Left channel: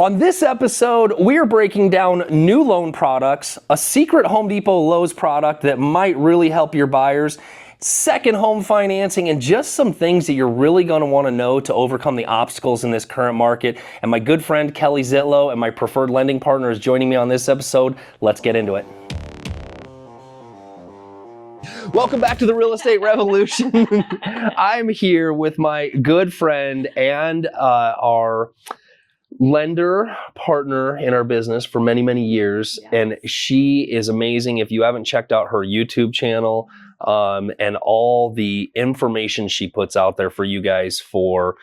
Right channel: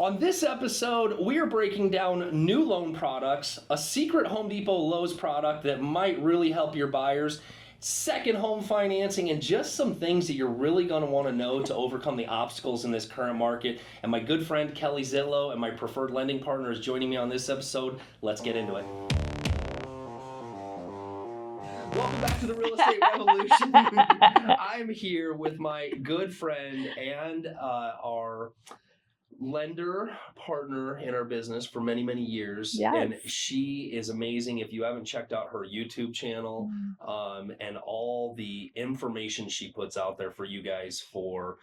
On this episode, we're breaking down new loan products, a secret Home Depot Lowe's product that might really help your buyers, second home financing, and just some things that you're really going to want to know to overcome the obstacles in this current market. And my good friend Kelly Zitlow and my preferred lending partner is joining me on this episode. Let's get into it. Welcome back to the Real Estate Revolution. I'm here with my good friend and our lender partner in our business for many, many years. Yes. And she is amazing. If you haven't checked out her YouTube channel and all the information she puts out there for you guys for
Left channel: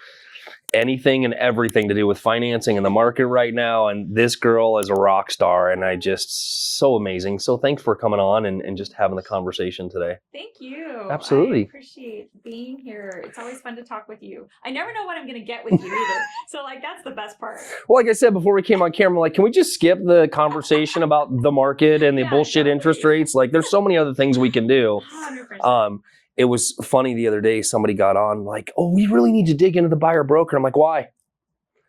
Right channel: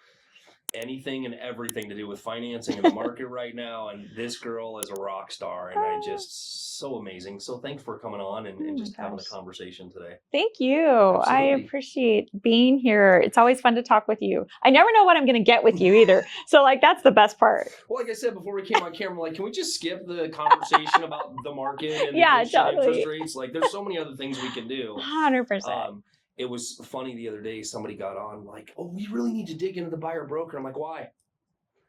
anything and everything to do with financing in the market right now. And this girl is a rock star, and I just so amazing. So thanks for coming on and just having the conversation today. Thank you. Absolutely. I appreciate being here. It's always fun to talk with you. I never know what I'm going to get with you either. So that's the best part. Well, like I said before we came on camera, can we just skip the conversation about the market and the bullshit interest rates? There's so many other things we can do. 100%. It was funny the other day, somebody got on oh, we really need to dig into the buyer broker. I'm like, why?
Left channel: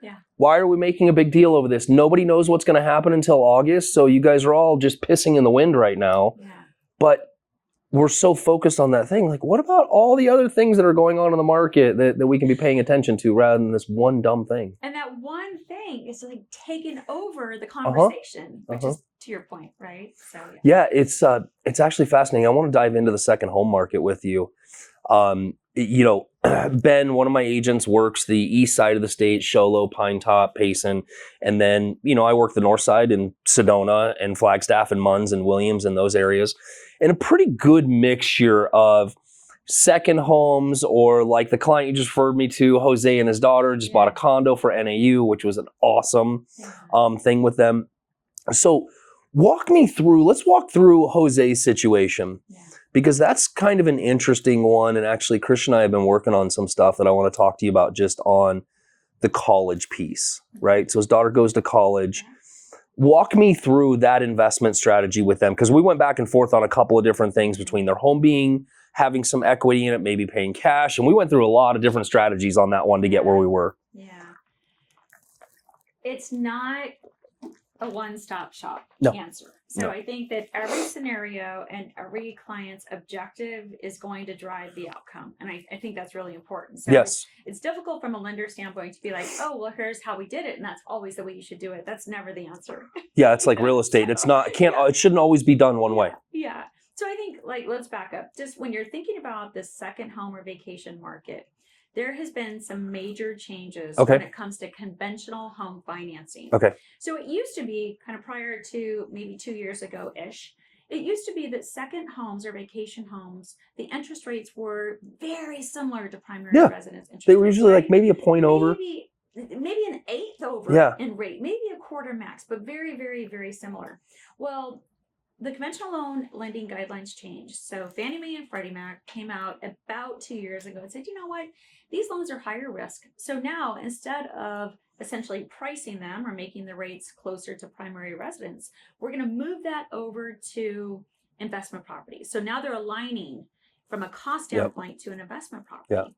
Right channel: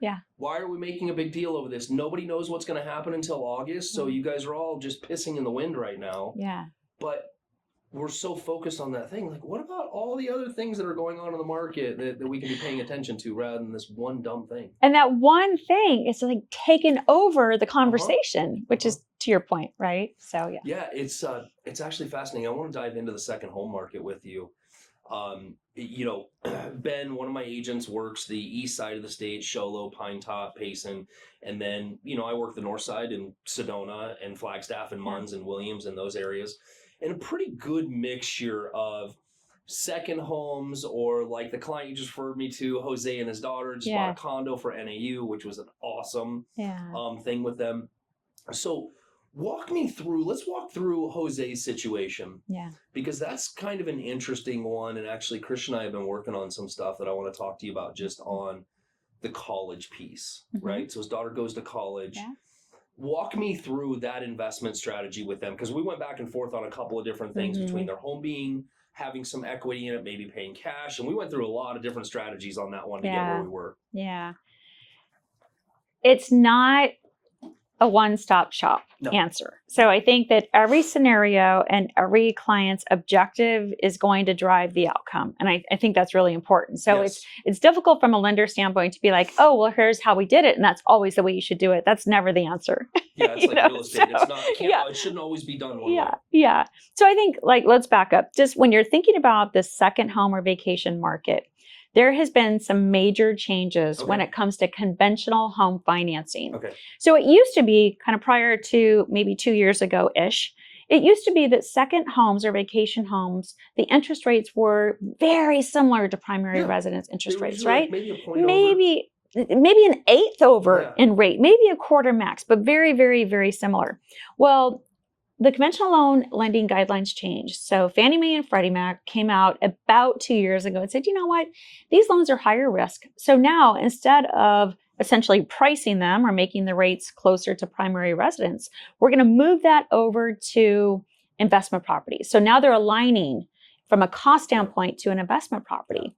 Yeah. Why are we making a big deal over this? Nobody knows what's going to happen until August. So you guys are all just pissing in the wind right now. Yeah. But we're so focused on that thing. What about all the other things that are going on in the market that we can be paying attention to rather than this one dumb thing? And that one thing is taking over the conversation, which is to your point, right? So yeah, it's actually fascinating. I want to dive into the second home market with you. Ben, one of my agents, works the east side of the state, Show Low, Pine Top, Payson. And then, I work the north side in Sedona and Flagstaff and Munns and Williams and those areas. And a pretty good mixture of second homes, or like the client you just referred me to, Jose and his daughter just bought a condo for NAU, which was an awesome thing with them. So let's walk through Jose's situation. Yeah. Because that's kind of an interesting one. And actually, Christian and I have been working on some stuff that I want to talk to you about just on the college piece, right? So his daughter goes to college. Yeah. Walk me through that investment strategy with them, because we went back and forth on a couple of different things between their home having some equity in it, maybe paying cash. And we went through a lot of different strategies on that one to get where we were. Yeah. It's not a one-stop shop answer. So I think that every scenario and every client's objective is going to drive the outcome. And I think that's really important. So it's difficult from a lender standpoint to be like, oh, well, here's how we did it, and that's always the way you should do it. That's never the answer. Yeah, it's like real estate. So, it's not, it shouldn't always be done one way. Yeah. So I think let's back up. Just when you're thinking about the second home or vacation market, there has been some major changes when it comes to conventional home financing. Okay. So it used to be kind of prior to maybe 2 years ago-ish, it used to be that second homes or vacation homes, the interest rates were very similar to primary residence interest rates. They were usually maybe a point over. Maybe an eighth over in rate, maybe a quarter max, but very, very, very similar. Well, the conventional loan lending guidelines changed. So Fannie Mae and Freddie Mac came out about 2 years ago and said, you know what, these loans are higher risk. So now, instead of essentially pricing them or making the rates closer to primary residence, we're going to move that over to investment properties. So now they're aligning from a cost standpoint to an investment property.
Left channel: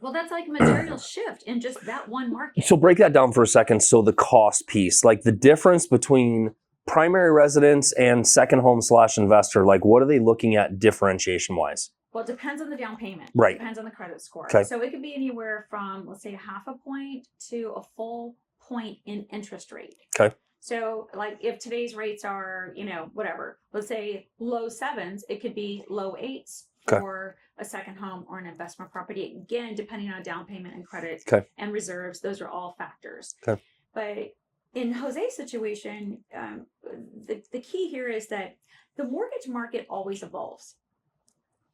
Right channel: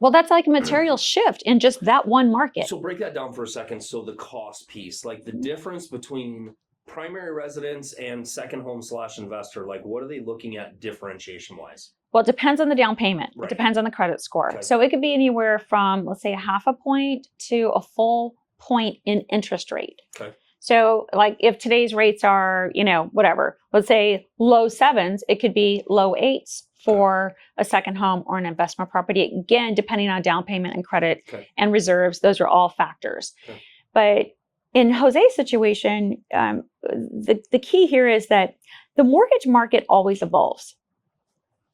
Well, that's like a material shift in just that one market. So break that down for a second. So the cost piece, the difference between primary residence and second home / investor, what are they looking at differentiation wise? Well, it depends on the down payment. Right. It depends on the credit score. Okay. So it could be anywhere from, let's say, 0.5 point to a full point in interest rate. Okay. So if today's rates are, whatever, let's say low 7s, it could be low 8s for a second home or an investment property. Again, depending on down payment and credit and reserves, those are all factors. Okay. But in Jose's situation, the key here is that the mortgage market always evolves.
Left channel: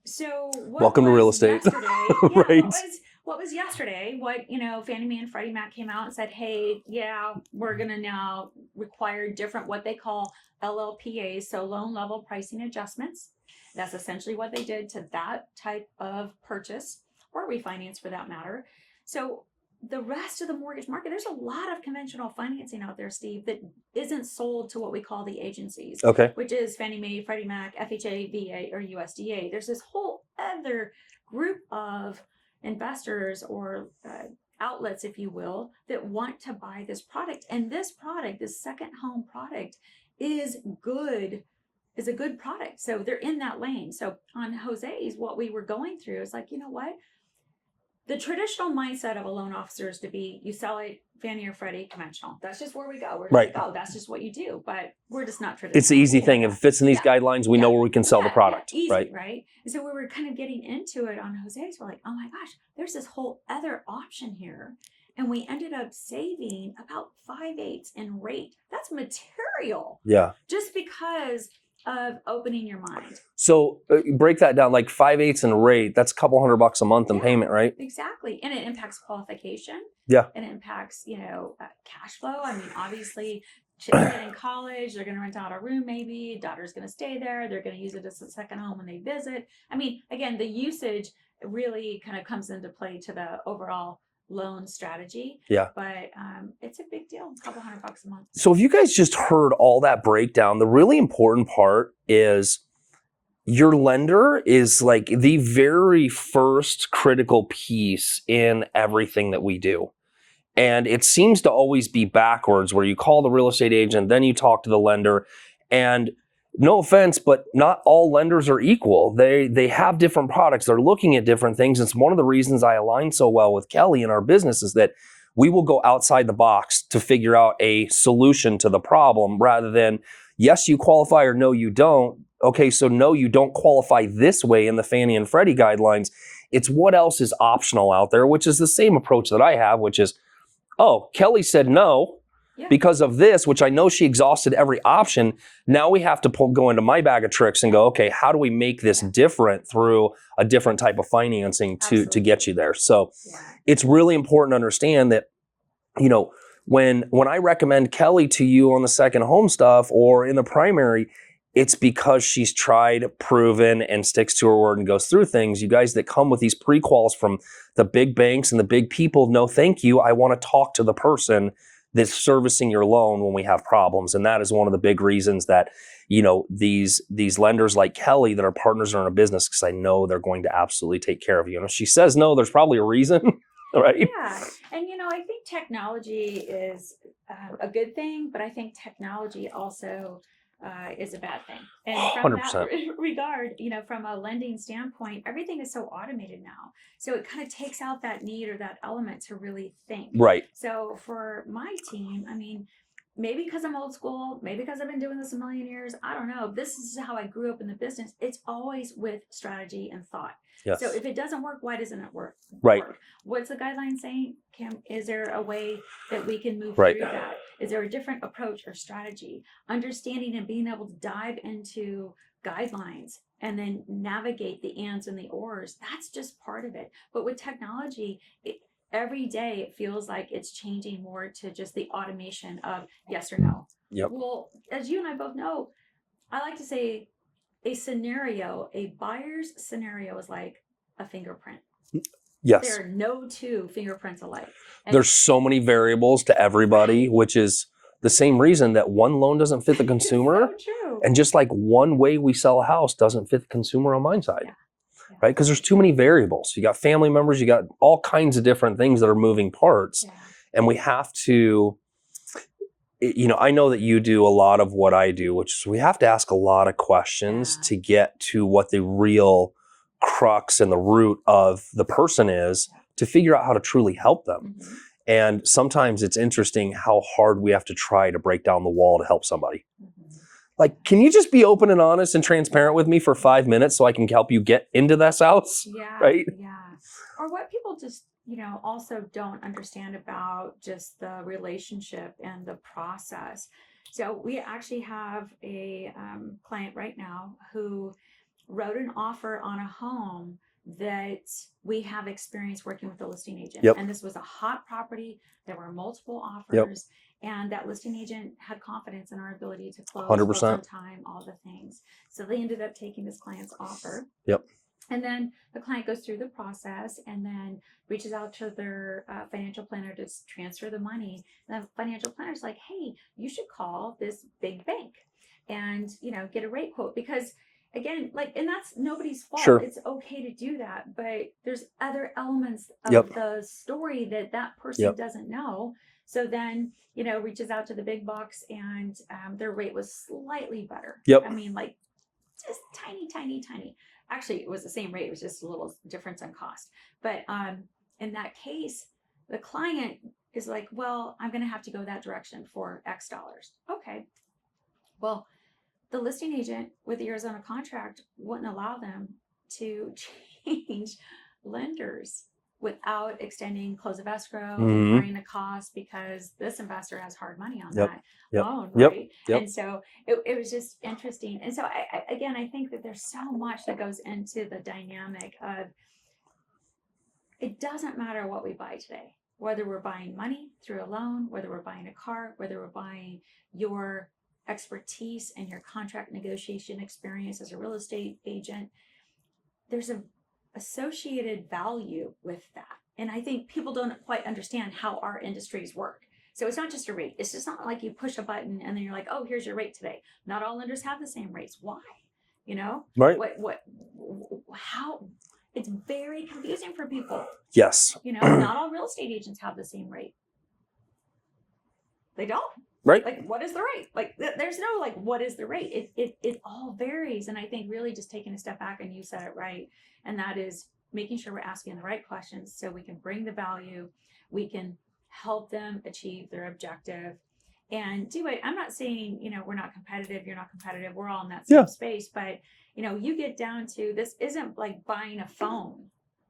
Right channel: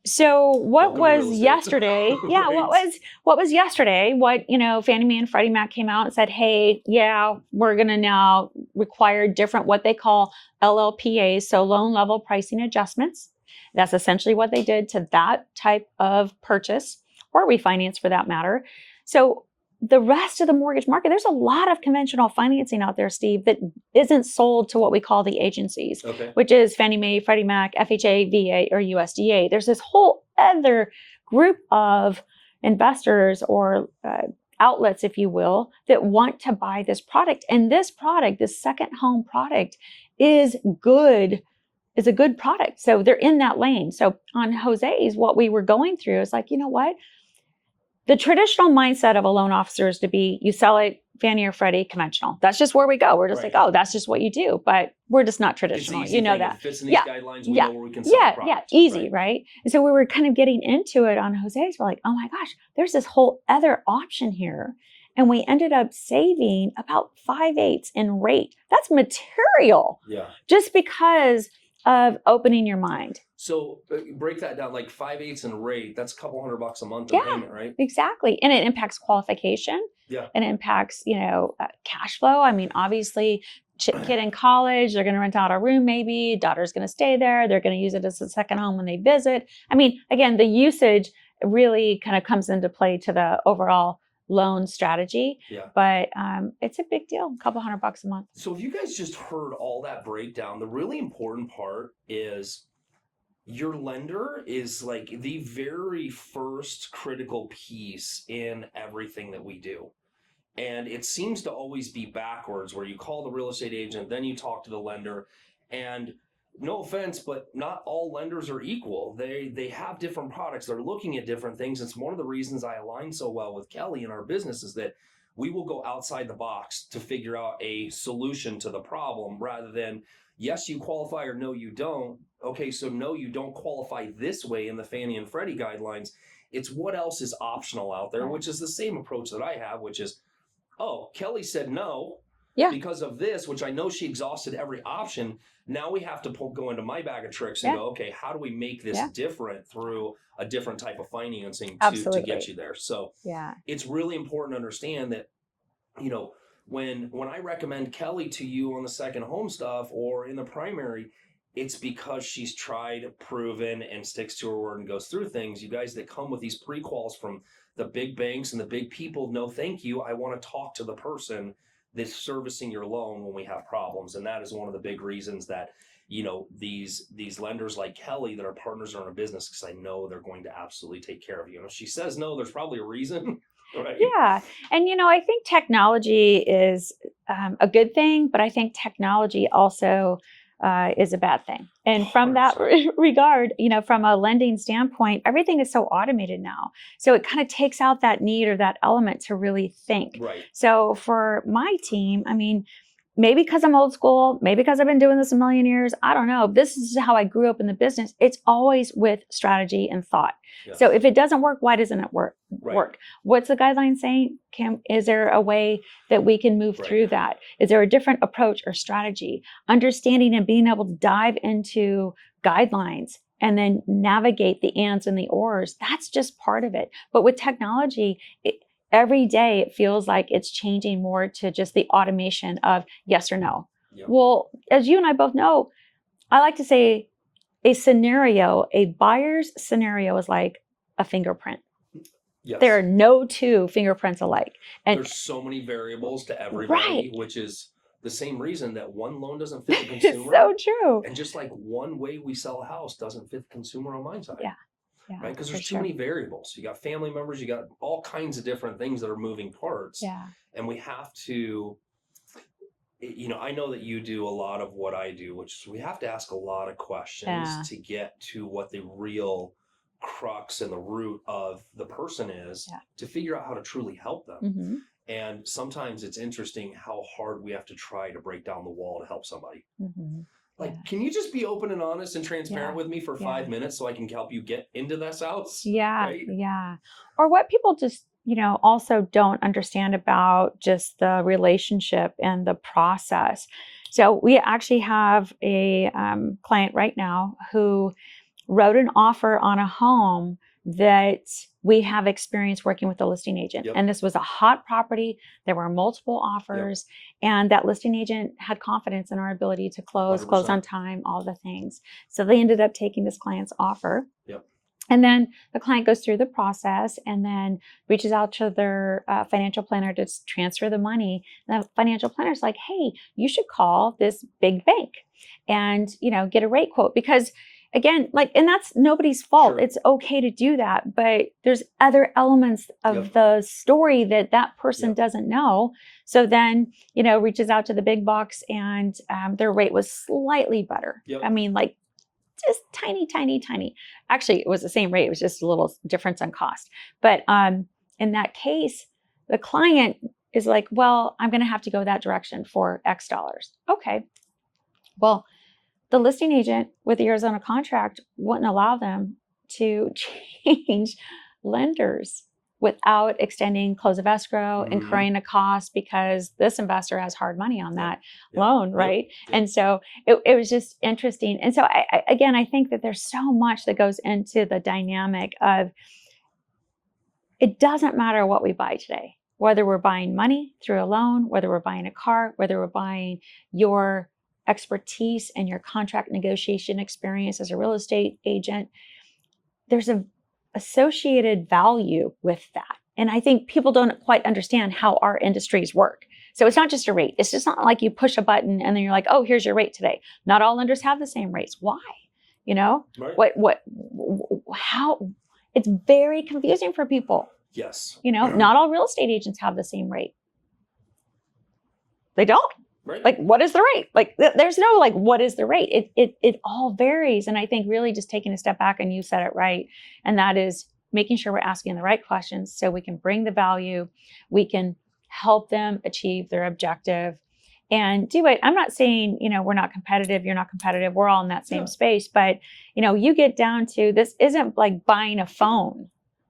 So what was yesterday? What was yesterday? Fannie Mae and Freddie Mac came out and said, hey, we're going to now require different what they call LLPAs, so loan level pricing adjustments. That's essentially what they did to that type of purchase or refinance for that matter. So the rest of the mortgage market, there's a lot of conventional financing out there, Steve, that isn't sold to what we call the agencies, which is Fannie Mae, Freddie Mac, FHA, VA, or USDA. There's this whole other group of investors or outlets, if you will, that want to buy this product. And this product, this second home product, is good. Is a good product. So they're in that lane. So on Jose's, what we were going through is like, you know what? The traditional mindset of a loan officer is to be, you sell it Fannie or Freddie conventional. That's just where we go. We're just like, oh, that's just what you do. But we're just not traditional. It's the easy thing. If it fits in these guidelines, we know where we can sell the product. Yeah, easy, right? And so we were kind of getting into it on Jose's. We're like, oh my gosh, there's this whole other option here. And we ended up saving about 5/8 in rate. That's material. Yeah. Just because of opening your mind. So break that down, like 5/8 in rate, that's a couple $100 a month in payment, right? Exactly. And it impacts qualification. Yeah. And it impacts, cash flow. I mean, obviously, kid in college, they're going to rent out a room maybe, daughter's going to stay there, they're going to use it as a second home when they visit. I mean, again, the usage really kind of comes into play to the overall loan strategy. Yeah. But it's a big deal, a couple $100 a month. So if you guys just heard all that breakdown, the really important part is your lender is like the very first critical piece in everything that we do. And it seems to always be backwards, where you call the real estate agent, then you talk to the lender. And no offense, but not all lenders are equal. They have different products. They're looking at different things. It's one of the reasons I align so well with Kelly in our business is that we will go outside the box to figure out a solution to the problem rather than, yes, you qualify or no, you don't. Okay, so no, you don't qualify this way in the Fannie and Freddie guidelines. It's what else is optional out there, which is the same approach that I have, which is, oh, Kelly said no. Yeah. Because of this, which I know she exhausted every option. Now we have to go into my bag of tricks and go, okay, how do we make this different through a different type of financing to get you there? So it's really important to understand that, when I recommend Kelly to you on the second home stuff or in the primary, it's because she's tried, proven, and sticks to her word and goes through things. You guys that come with these pre-quals from the big banks and the big people, no thank you. I want to talk to the person that's servicing your loan when we have problems. And that is one of the big reasons that, these lenders like Kelly that are partners in our business, because I know they're going to absolutely take care of you. And if she says no, there's probably a reason, right? Yeah. And, I think technology is a good thing, but I think technology also is a bad thing. And from 100%. That regard, from a lending standpoint, everything is so automated now. So it kind of takes out that need or that element to really think. Right. So for my team, I mean, maybe because I'm old school, maybe because I've been doing this a million years, I don't know. This is how I grew up in the business. It's always with strategy and thought. Yes. So if it doesn't work, why doesn't it work? Right. What's the guideline saying? Is there a way that we can move through that? Is there a different approach or strategy? Understanding and being able to dive into guidelines and then navigate the ands and the ors, that's just part of it. But with technology, every day it feels like it's changing more to just the automation of yes or no. Yep. Well, as you and I both know, I like to say a buyer's scenario is like a fingerprint. Yes. There are no two fingerprints alike. And there's so many variables to everybody, which is the same reason that one loan doesn't fit the consumer. So true. And just like one way we sell a house doesn't fit the consumer on my side. Yeah, right? Because there's too many variables. You got family members, you got all kinds of different things that are moving parts. Yeah. And we have to, I know that you do a lot of what I do, which is we have to ask a lot of questions to get to what the real crux and the root of the person is to figure out how to truly help them. Mm-hmm. And sometimes it's interesting how hard we have to try to break down the wall to help somebody. Mm-hmm. Like, can you just be open and honest and transparent with me for 5 minutes so I can help you get into this house? Yeah. Right? Yeah. Or what people just, also don't understand about just the relationship and the process. So we actually have a client right now who wrote an offer on a home that we have experience working with a listing agent. Yep. And this was a hot property. There were multiple offers. Yep. And that listing agent had confidence in our ability to close 100%. on time, all the things. So they ended up taking this client's offer. Yep. And then the client goes through the process and then reaches out to their financial planner to transfer the money. And the financial planner is like, hey, you should call this big bank and, get a rate quote. Because again, like, and that's nobody's fault. Sure. It's okay to do that, but there's other elements of the story that person doesn't know. So then, reaches out to the big box and their rate was slightly better. I mean, like just tiny, tiny, tiny. Actually, it was the same rate. It was just a little difference on cost. But in that case, the client is like, well, I'm going to have to go that direction for X dollars. Okay. Well, the listing agent with the Arizona contract wouldn't allow them to change lenders without extending close of escrow, incurring a cost, because this investor has hard money on that loan, right? And so it was just interesting. And so I think that there's so much that goes into the dynamic of, it doesn't matter what we buy today, whether we're buying money through a loan, whether we're buying a car, whether we're buying your expertise and your contract negotiation experience as a real estate agent, there's an associated value with that. And I think people don't quite understand how our industries work. So it's not just a rate. It's just not like you push a button and then you're like, oh, here's your rate today. Not all lenders have the same rates. Why? Right. How? It's very confusing for people. Yes. Not all real estate agents have the same rate. They don't. Right. Like, what is the rate? Like, there's no, like, what is the rate? It all varies. And I think really just taking a step back, and you said it right. And that is making sure we're asking the right questions so we can bring the value, we can help them achieve their objective and do it. I'm not saying, we're not competitive, you're not competitive. We're all in that same space. But, you get down to, this isn't like buying a phone,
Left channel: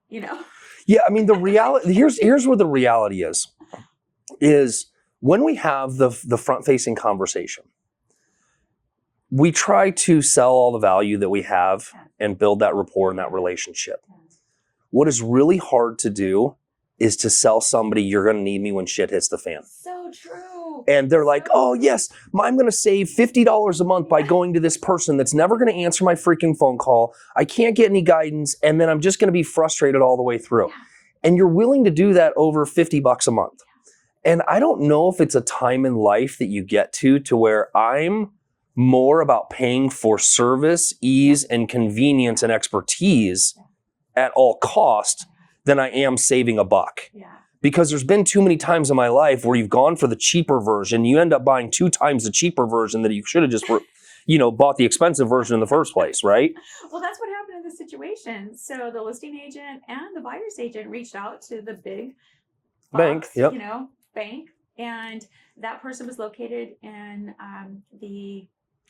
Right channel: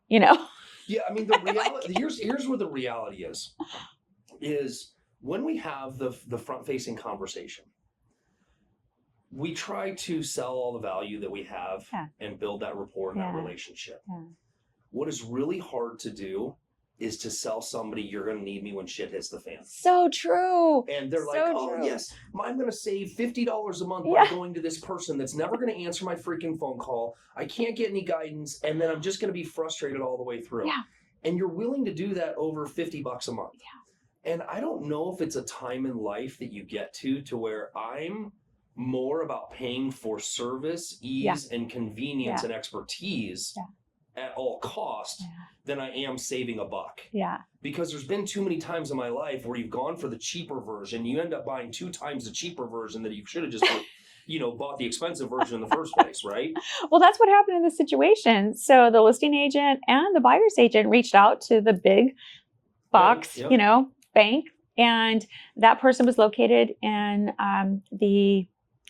Yeah, I mean, the reality, here's where the reality is when we have the front-facing conversation, we try to sell all the value that we have and build that rapport and that relationship. What is really hard to do is to sell somebody, you're going to need me when shit hits the fan. So true. And they're like, oh, yes, I'm going to save $50 a month by going to this person that's never going to answer my freaking phone call. I can't get any guidance. And then I'm just going to be frustrated all the way through. And you're willing to do that over $50 a month. And I don't know if it's a time in life that you get to where I'm more about paying for service, ease, and convenience and expertise at all cost than I am saving a buck. Because there's been too many times in my life where you've gone for the cheaper version. You end up buying 2 times the cheaper version that you should have just bought the expensive version in the first place, right? Well, that's what happened in this situation. So the listing agent and the buyer's agent reached out to the big box, bank, and that person was located in the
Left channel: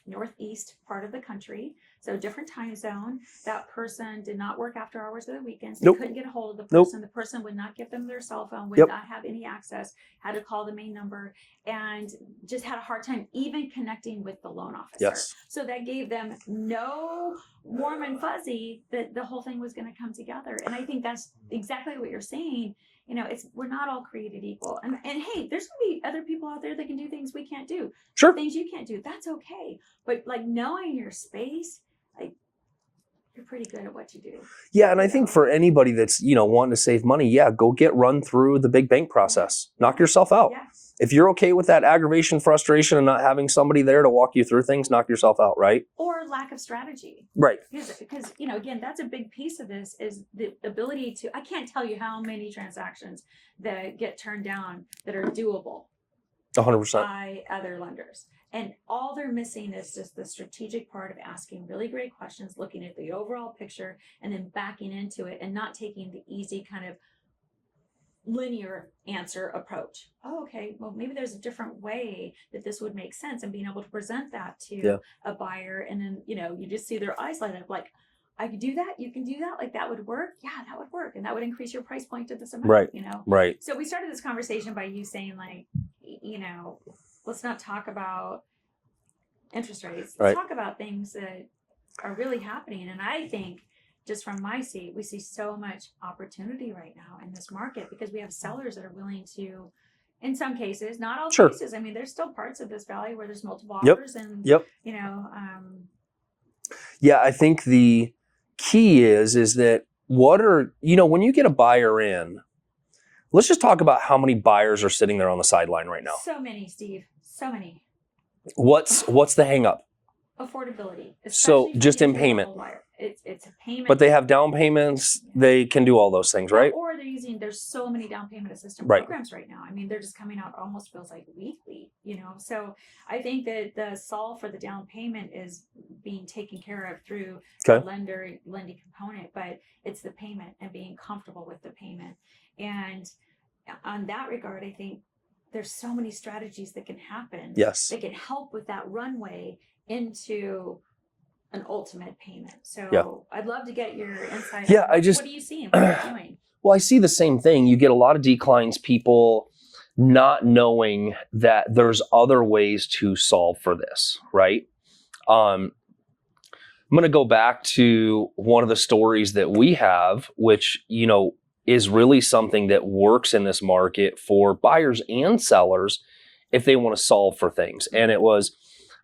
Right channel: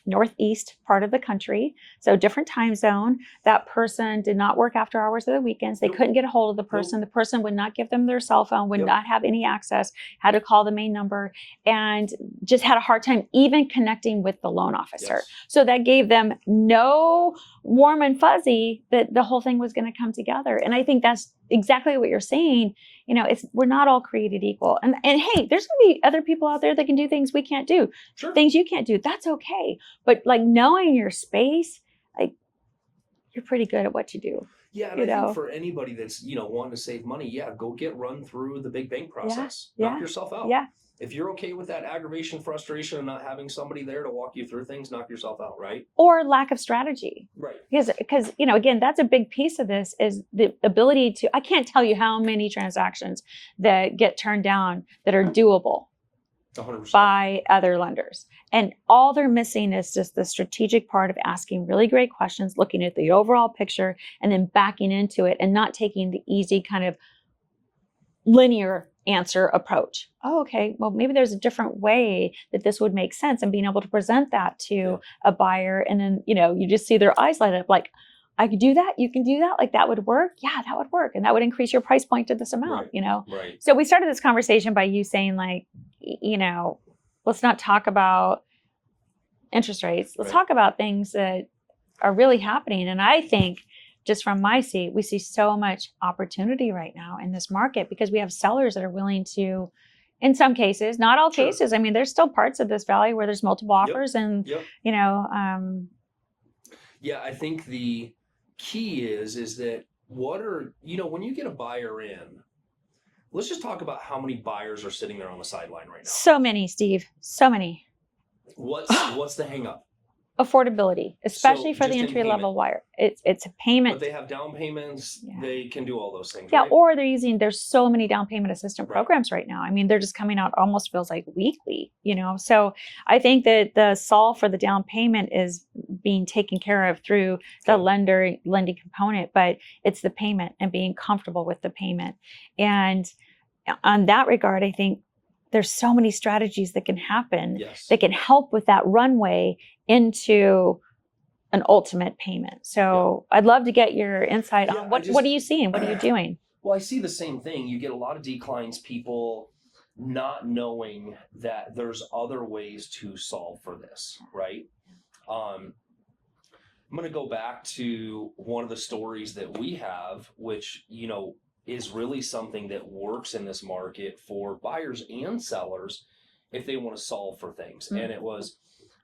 northeast part of the country, so different time zone. That person did not work after hours of the weekends. They couldn't get a hold of the person. The person would not give them their cell phone, would not have any access, had to call the main number, and just had a hard time even connecting with the loan officer. So that gave them no warm and fuzzy that the whole thing was going to come together. And I think that's exactly what you're saying. We're not all created equal. And hey, there's going to be other people out there that can do things we can't do. Things you can't do. That's okay. But like knowing your space, like you're pretty good at what you do. Yeah. And I think for anybody that's, wanting to save money, go get run through the big bank process. Knock yourself out. If you're okay with that aggravation, frustration, and not having somebody there to walk you through things, knock yourself out, right? Or lack of strategy. Right. Because again, that's a big piece of this is the ability to, I can't tell you how many transactions that get turned down that are doable 100% by other lenders. And all they're missing is just the strategic part of asking really great questions, looking at the overall picture, and then backing into it and not taking the easy kind of linear answer approach. Oh, okay. Well, maybe there's a different way that this would make sense, and being able to present that to a buyer. And then, you just see their eyes light up like, I could do that. You can do that. Like that would work. Yeah, that would work. And that would increase your price point to this amount, Right. So we started this conversation by you saying like, let's not talk about interest rates. Let's talk about things that are really happening. And I think just from my seat, we see so much opportunity right now in this market because we have sellers that are willing to, in some cases, not all cases. I mean, there's still parts of this valley where there's multiple offers and, Yeah, I think the key is that when you get a buyer in, let's just talk about how many buyers are sitting there on the sideline right now. So many, Steve. So many. What's the hang up? affordability, especially for just the in entry-level buyer. It's a payment. But they have down payments. Yeah. They can do all those things, right? Or there's so many down payment assistance programs right now. I mean, they're just coming out almost feels like weekly, So I think that the solve for the down payment is being taken care of through the lending component, but it's the payment and being comfortable with the payment. And on that regard, I think there's so many strategies that can happen that can help with that runway into an ultimate payment. So I'd love to get your insight on what are you seeing, what you're doing? Well, I see the same thing. You get a lot of declines, people not knowing that there's other ways to solve for this, right? I'm going to go back to one of the stories that we have, which, is really something that works in this market for buyers and sellers if they want to solve for things. And it was,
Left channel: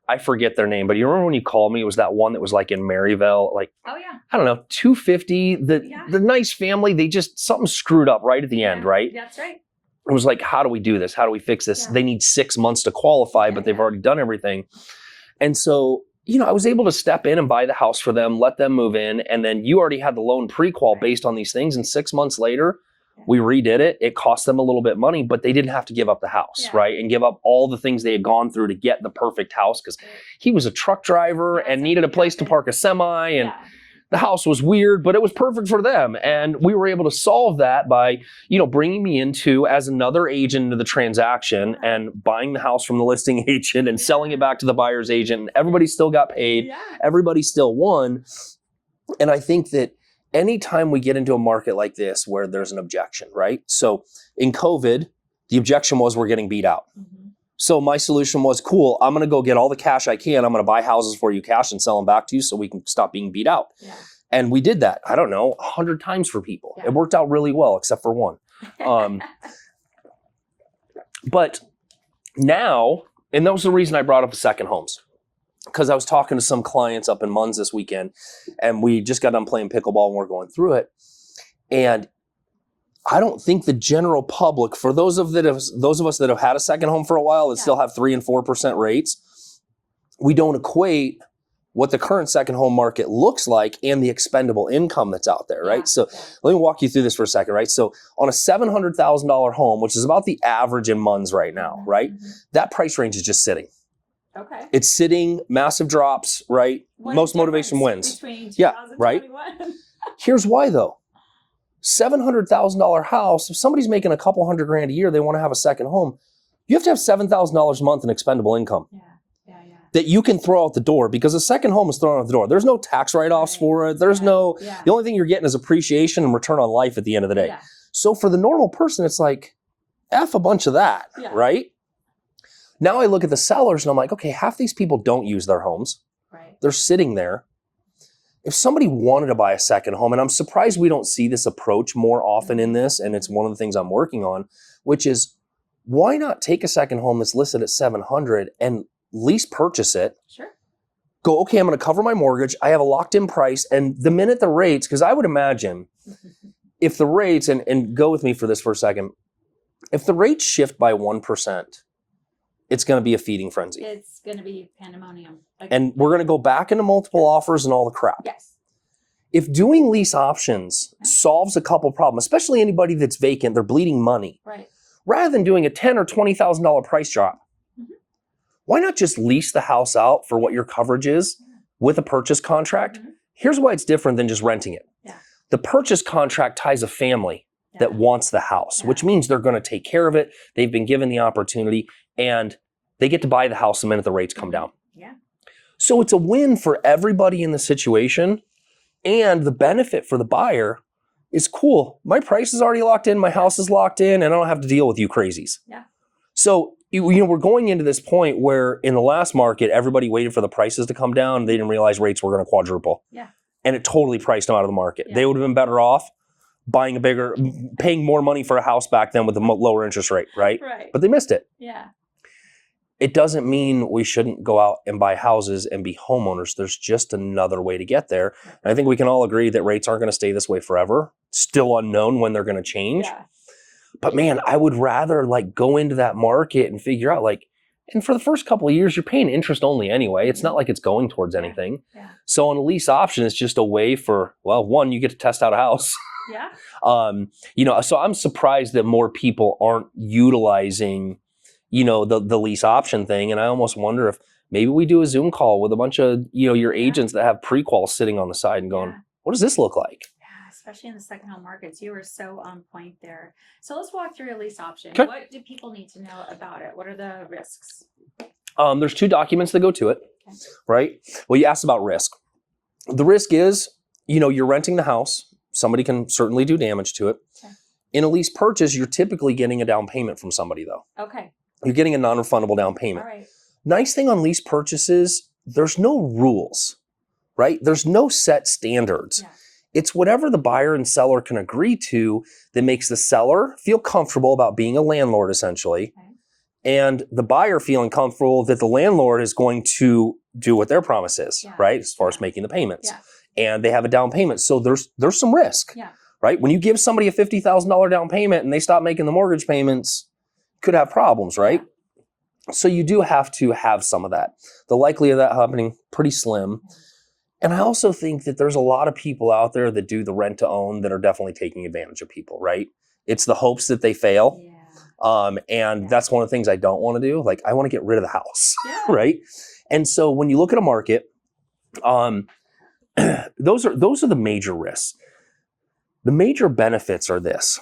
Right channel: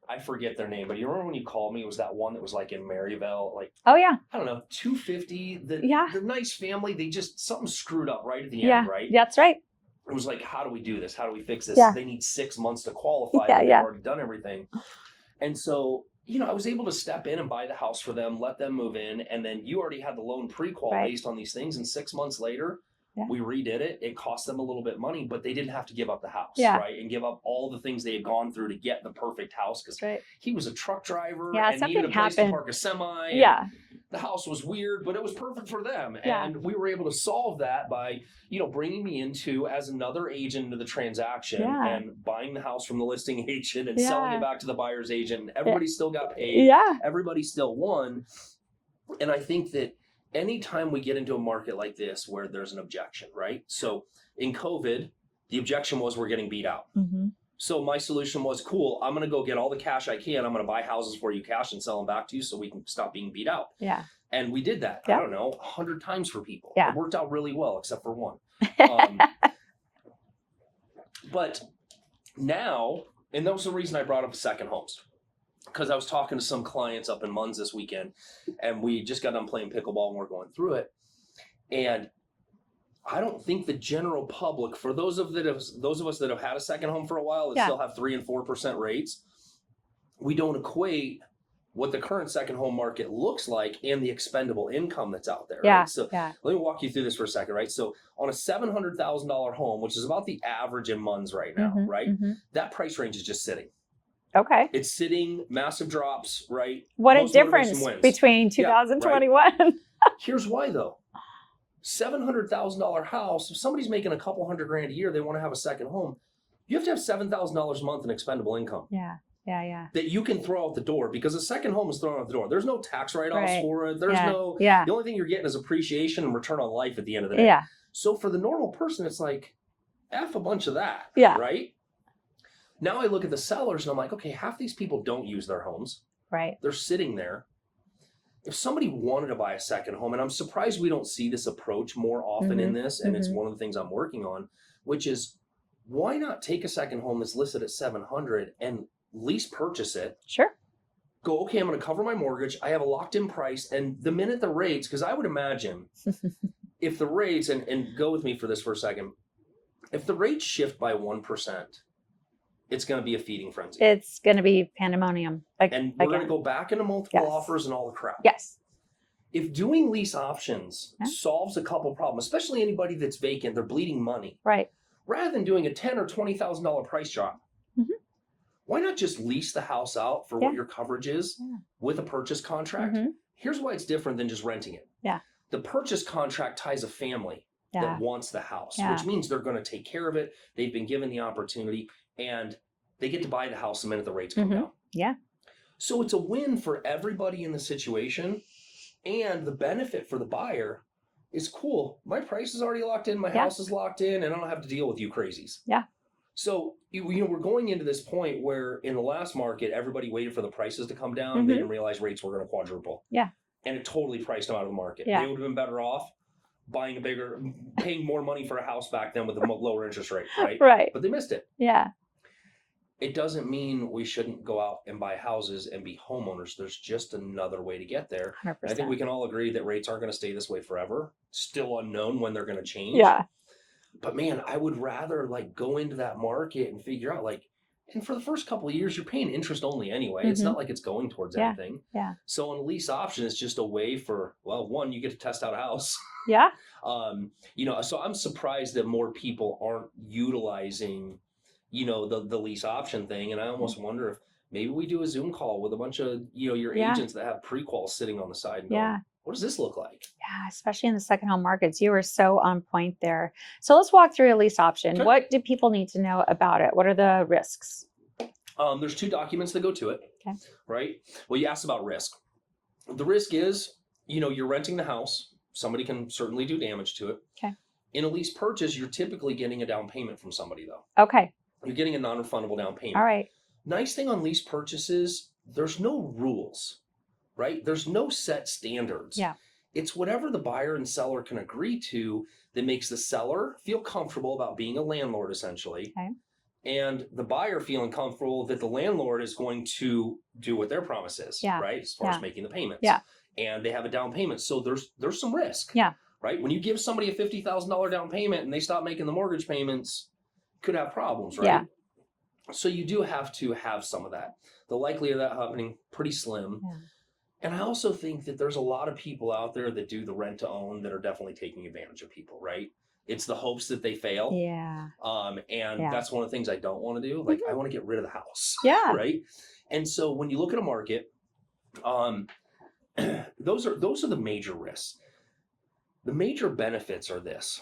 I forget their name, but you remember when you called me, it was that one that was like in Maryville, like, oh yeah, I don't know, 250, the nice family, they just, something screwed up right at the end, right? That's right. It was like, how do we do this? How do we fix this? They need 6 months to qualify, but they've already done everything. And so, I was able to step in and buy the house for them, let them move in. And then you already had the loan pre-qual based on these things. And 6 months later, we redid it. It cost them a little bit of money, but they didn't have to give up the house, right? And give up all the things they had gone through to get the perfect house. Because he was a truck driver and needed a place to park a semi. And the house was weird, but it was perfect for them. And we were able to solve that by, bringing me into as another agent into the transaction and buying the house from the listing agent and selling it back to the buyer's agent. And everybody still got paid. Everybody still won. And I think that anytime we get into a market like this where there's an objection, right? So in COVID, the objection was we're getting beat out. So my solution was, cool, I'm going to go get all the cash I can. I'm going to buy houses for you cash and sell them back to you so we can stop being beat out. And we did that, I don't know, 100 times for people. It worked out really well, except for one. But now, and that was the reason I brought up the second homes. Because I was talking to some clients up in Munns this weekend, and we just got done playing pickleball and we're going through it. And I don't think the general public, for those of us that have had a second home for a while that still have 3% and 4% rates, we don't equate what the current second home market looks like and the expendable income that's out there, right? So let me walk you through this for a second, right? So on a $700,000 home, which is about the average in Munns right now, right? That price range is just sitting. Okay. It's sitting, massive drops, right? What most a difference motivation wins. Between 2021. Right? Here's why though. $700,000 house, if somebody's making a couple $100,000 a year, they want to have a second home, you have to have $7,000 a month in expendable income. That you can throw out the door, because a second home is thrown out the door. There's no tax write-offs for it. There's the only thing you're getting is appreciation and return on life at the end of the day. So for the normal person, it's like, F a bunch of that, right? Now I look at the sellers and I'm like, okay, half these people don't use their homes. They're sitting there. If somebody wanted to buy a second home, and I'm surprised we don't see this approach more often in this, and it's one of the things I'm working on, which is, why not take a second home that's listed at $700,000 and lease purchase it? Go, okay, I'm going to cover my mortgage. I have a locked in price. And the minute the rates, because I would imagine if the rates, and go with me for this for a second, if the rates shift by 1%, it's going to be a feeding frenzy. It's going to be pandemonium. And we're going to go back into multiple offers and all the crap. If doing lease options solves a couple problems, especially anybody that's vacant, they're bleeding money. Rather than doing a $10,000 or $20,000 price drop, why not just lease the house out for what your coverage is with a purchase contract? Here's why it's different than just renting it. The purchase contract ties a family that wants the house, which means they're going to take care of it. They've been given the opportunity, and they get to buy the house the minute the rates come down. So it's a win for everybody in the situation. And the benefit for the buyer is, cool, my price is already locked in, my house is locked in, and I don't have to deal with you crazies. So, we're going into this point where in the last market, everybody waited for the prices to come down. They didn't realize rates were going to quadruple. And it totally priced them out of the market. They would have been better off buying paying more money for a house back then with a lower interest rate, right? But they missed it. It doesn't mean we shouldn't go out and buy houses and be homeowners. There's just another way to get there. And I think we can all agree that rates aren't going to stay this way forever. Still unknown when they're going to change. But man, I would rather go into that market and figure out And for the first couple of years, you're paying interest only anyway. It's not like it's going towards anything. Yeah. So on a lease option, it's just a way for, well, one, you get to test out a house. Yeah. So I'm surprised that more people aren't utilizing, the lease option thing. And I almost wonder if maybe we do a Zoom call with a bunch of, your agents that have pre-quals sitting on the side and going, what does this look like? Yeah, especially in the second home markets. You were so on point there. So let's walk through a lease option. Okay. What do people need to know about it? What are the risks? There's 2 documents that go to it, okay. right? Well, you asked about risk. The risk is, you're renting the house. Somebody can certainly do damage to it. Okay. In a lease purchase, you're typically getting a down payment from somebody, though. Okay. You're getting a non-refundable down payment. All right. Nice thing on lease purchases, there's no rules, right? There's no set standards. Yeah. It's whatever the buyer and seller can agree to that makes the seller feel comfortable about being a landlord, essentially. Okay. And the buyer feeling comfortable that the landlord is going to do what their promise is, right? As far as making the payments. Yeah. And they have a down payment. So there's some risk. Yeah. Right? When you give somebody a $50,000 down payment and they stop making the mortgage payments, could have problems, right? Yeah. So you do have to have some of that. The likelihood of that happening, pretty slim. Yeah. And I also think that there's a lot of people out there that do the rent to own that are definitely taking advantage of people, right? It's the hopes that they fail. Yeah. And that's one of the things I don't want to do. Like, I want to get rid of the house. Yeah. Right? And so when you look at a market, those are the major risks. The major benefits are this.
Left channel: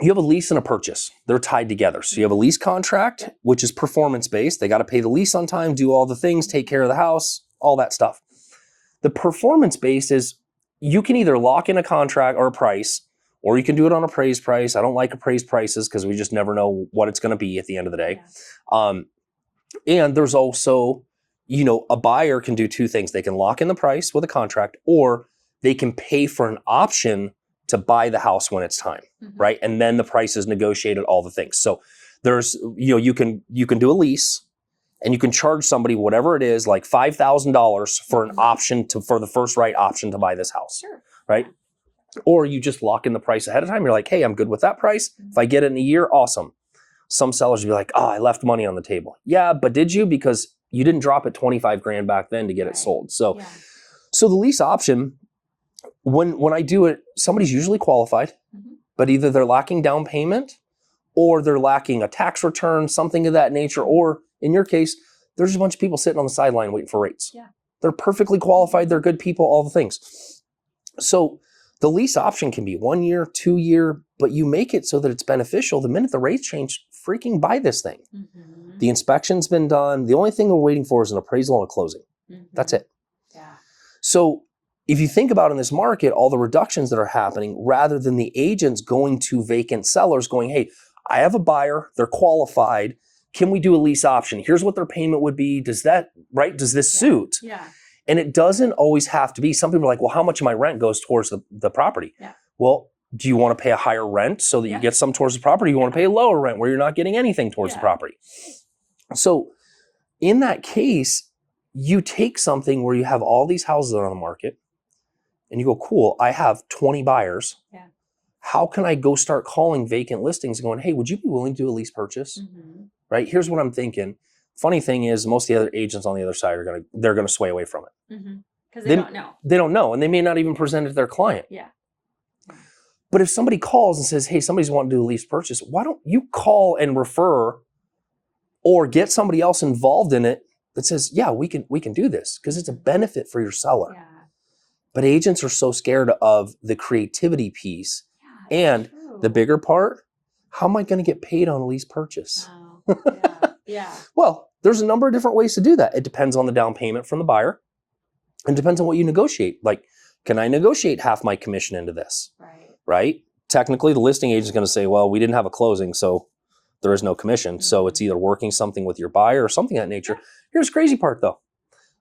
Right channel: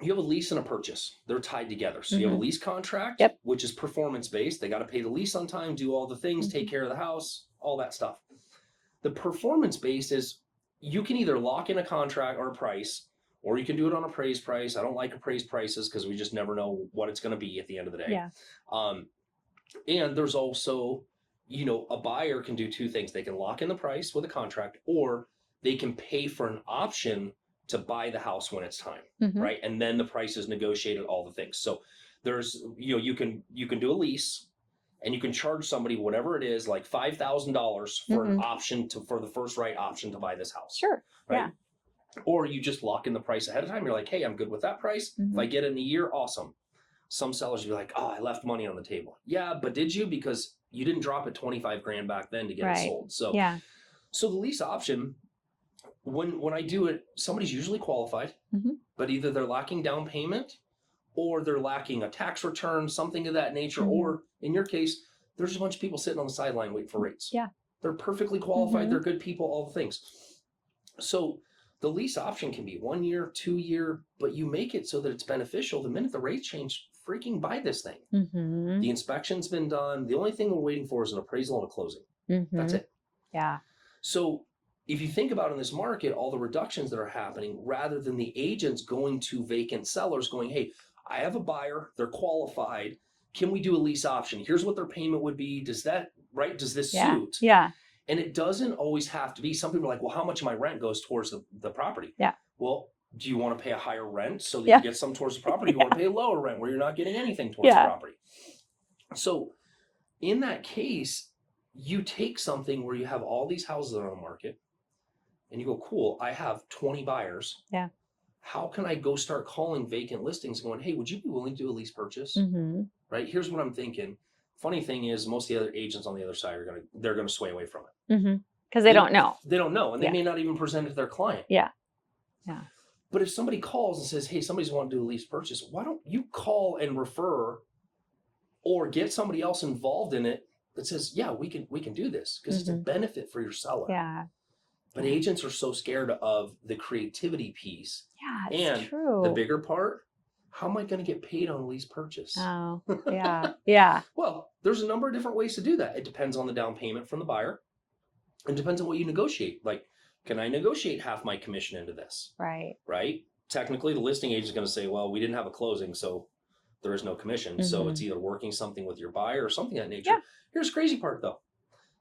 You have a lease and a purchase. They're tied together. So you have a lease contract, which is performance-based. They got to pay the lease on time, do all the things, take care of the house, all that stuff. The performance-based is you can either lock in a contract or a price, or you can do it on appraised price. I don't like appraised prices because we just never know what it's going to be at the end of the day. Yeah. And there's also, a buyer can do 2 things. They can lock in the price with a contract, or they can pay for an option to buy the house when it's time, right? And then the price is negotiated, all the things. So there's, you can do a lease and you can charge somebody whatever it is, like $5,000 for an option for the first right option to buy this house. Sure. Right? Yeah. Or you just lock in the price ahead of time. You're like, hey, I'm good with that price. If I get it in a year, awesome. Some sellers will be like, oh, I left money on the table. Yeah, but did you? Because you didn't drop it 25 grand back then to get it sold. So, so the lease option, when I do it, somebody's usually qualified, but either they're lacking down payment or they're lacking a tax return, something of that nature. Or in your case, there's a bunch of people sitting on the sideline waiting for rates. Yeah. They're perfectly qualified. They're good people, all the things. So the lease option can be 1 year, 2 year, but you make it so that it's beneficial. The minute the rates change, freaking buy this thing. The inspection's been done. The only thing we're waiting for is an appraisal and a closing. That's it. Yeah. So if you think about in this market, all the reductions that are happening, rather than the agents going to vacant sellers going, hey, I have a buyer, they're qualified. Can we do a lease option? Here's what their payment would be. Does this suit? Yeah. And it doesn't always have to be. Some people are like, well, how much of my rent goes towards the property? Yeah. Well, do you want to pay a higher rent so that you get some towards the property? You want to pay a lower rent where you're not getting anything towards the property. So in that case, you take something where you have all these houses that are on the market and you go, cool, I have 20 buyers. Yeah. How can I go start calling vacant listings and going, hey, would you be willing to do a lease purchase? Right? Here's what I'm thinking. Funny thing is, most of the other agents on the other side they're gonna sway away from it. Because they don't know. They don't know, and they may not even present it to their client. Yeah. But if somebody calls and says, hey, somebody's wanting to do a lease purchase, why don't you call and refer or get somebody else involved in it that says, yeah, we can do this because it's a benefit for your seller. Yeah. But agents are so scared of the creativity piece. Yeah, and true. The bigger part, how am I going to get paid on a lease purchase? Oh, yeah. Yeah. Well, there's a number of different ways to do that. It depends on the down payment from the buyer. And depends on what you negotiate. Like, can I negotiate half my commission into this? Right. Right? Technically, the listing agent is going to say, well, we didn't have a closing, so there is no commission. So it's either working something with your buyer or something of that nature. Yeah. Here's the crazy part, though.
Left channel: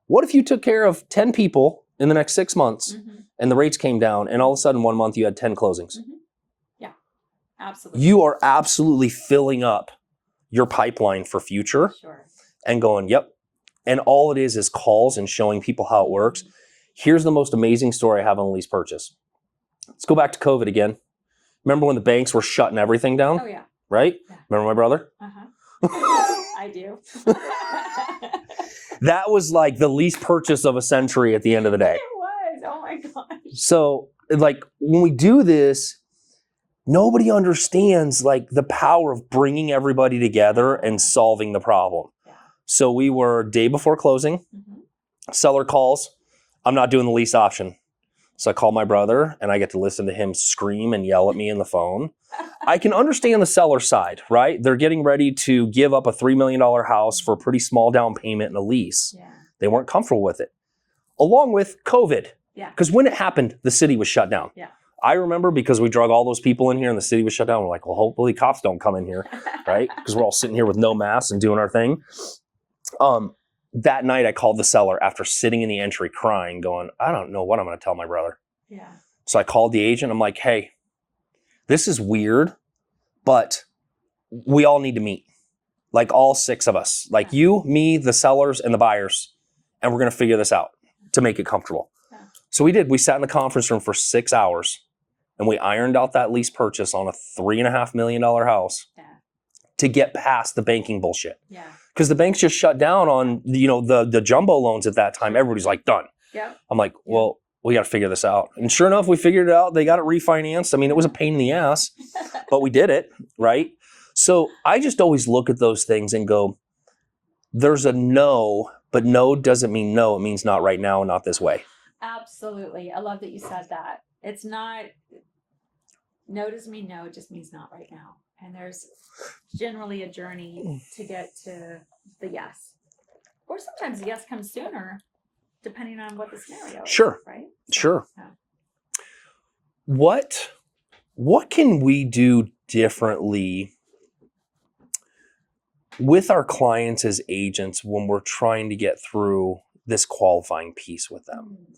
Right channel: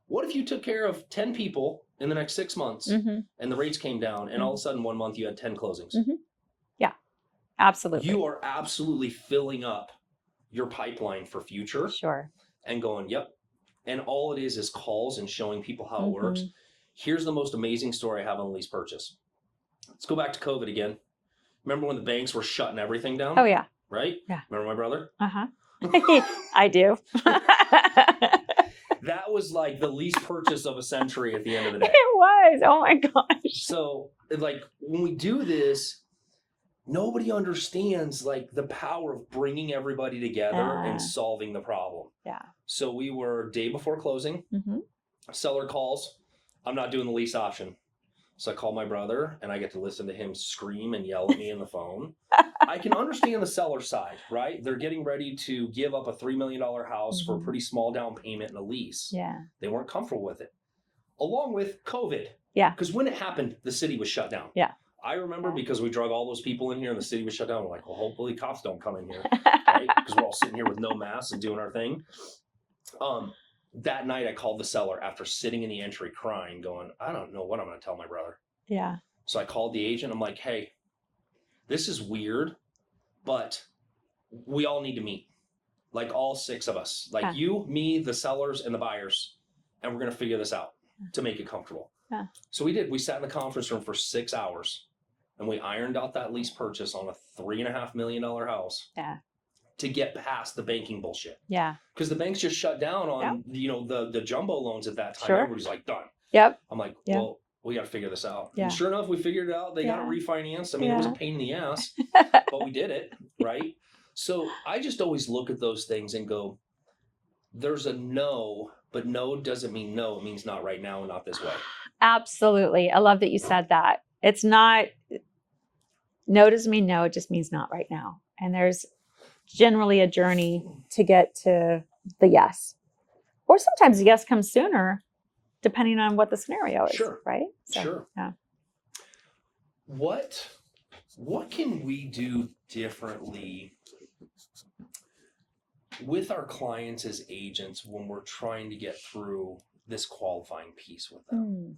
What if you took care of 10 people in the next 6 months and the rates came down and all of a sudden 1 month you had 10 closings? Yeah, absolutely. You are absolutely filling up your pipeline for future. Sure. And going, yep. And all it is calls and showing people how it works. Here's the most amazing story I have on a lease purchase. Let's go back to COVID again. Remember when the banks were shutting everything down? Oh, yeah. Right? Yeah. Remember my brother? I do. That was like the lease purchase of a century at the end of the day. It was. Oh my gosh. So like when we do this, nobody understands like the power of bringing everybody together and solving the problem. Yeah. So we were day before closing, seller calls, I'm not doing the lease option. So I call my brother and I get to listen to him scream and yell at me in the phone. I can understand the seller side, right? They're getting ready to give up a $3 million house for a pretty small down payment and a lease. Yeah. They weren't comfortable with it. Along with COVID. Yeah. Because when it happened, the city was shut down. Yeah. I remember because we drug all those people in here and the city was shut down. We're like, well, hopefully cops don't come in here, right? Because we're all sitting here with no masks and doing our thing. That night I called the seller after sitting in the entry crying, going, I don't know what I'm going to tell my brother. Yeah. So I called the agent. I'm like, hey, this is weird, but we all need to meet. Like all 6 of us, like you, me, the sellers, and the buyers. And we're going to figure this out to make it comfortable. Yeah. So we did. We sat in the conference room for 6 hours and we ironed out that lease purchase on a $3.5 million house. Yeah. To get past the banking bullshit. Yeah. Because the banks just shut down on the jumbo loans at that time. Sure. Everybody's like, done. Yep. I'm like, well, we got to figure this out. Yeah. And sure enough, we figured it out. They got it refinanced. I mean, it was a pain in the ass, but we did it, right? So I just always look at those things and go, there's a no, but no doesn't mean no. It means not right now and not this way. Absolutely. I love that you said that. It's not, no doesn't mean no. It just means not right now. And there's generally a journey to get to the yes. Or sometimes the yes comes sooner, depending on what the scenario is. Sure. Right? So, sure. Yeah. What can we do differently with our clients as agents when we're trying to get through this qualifying piece with them?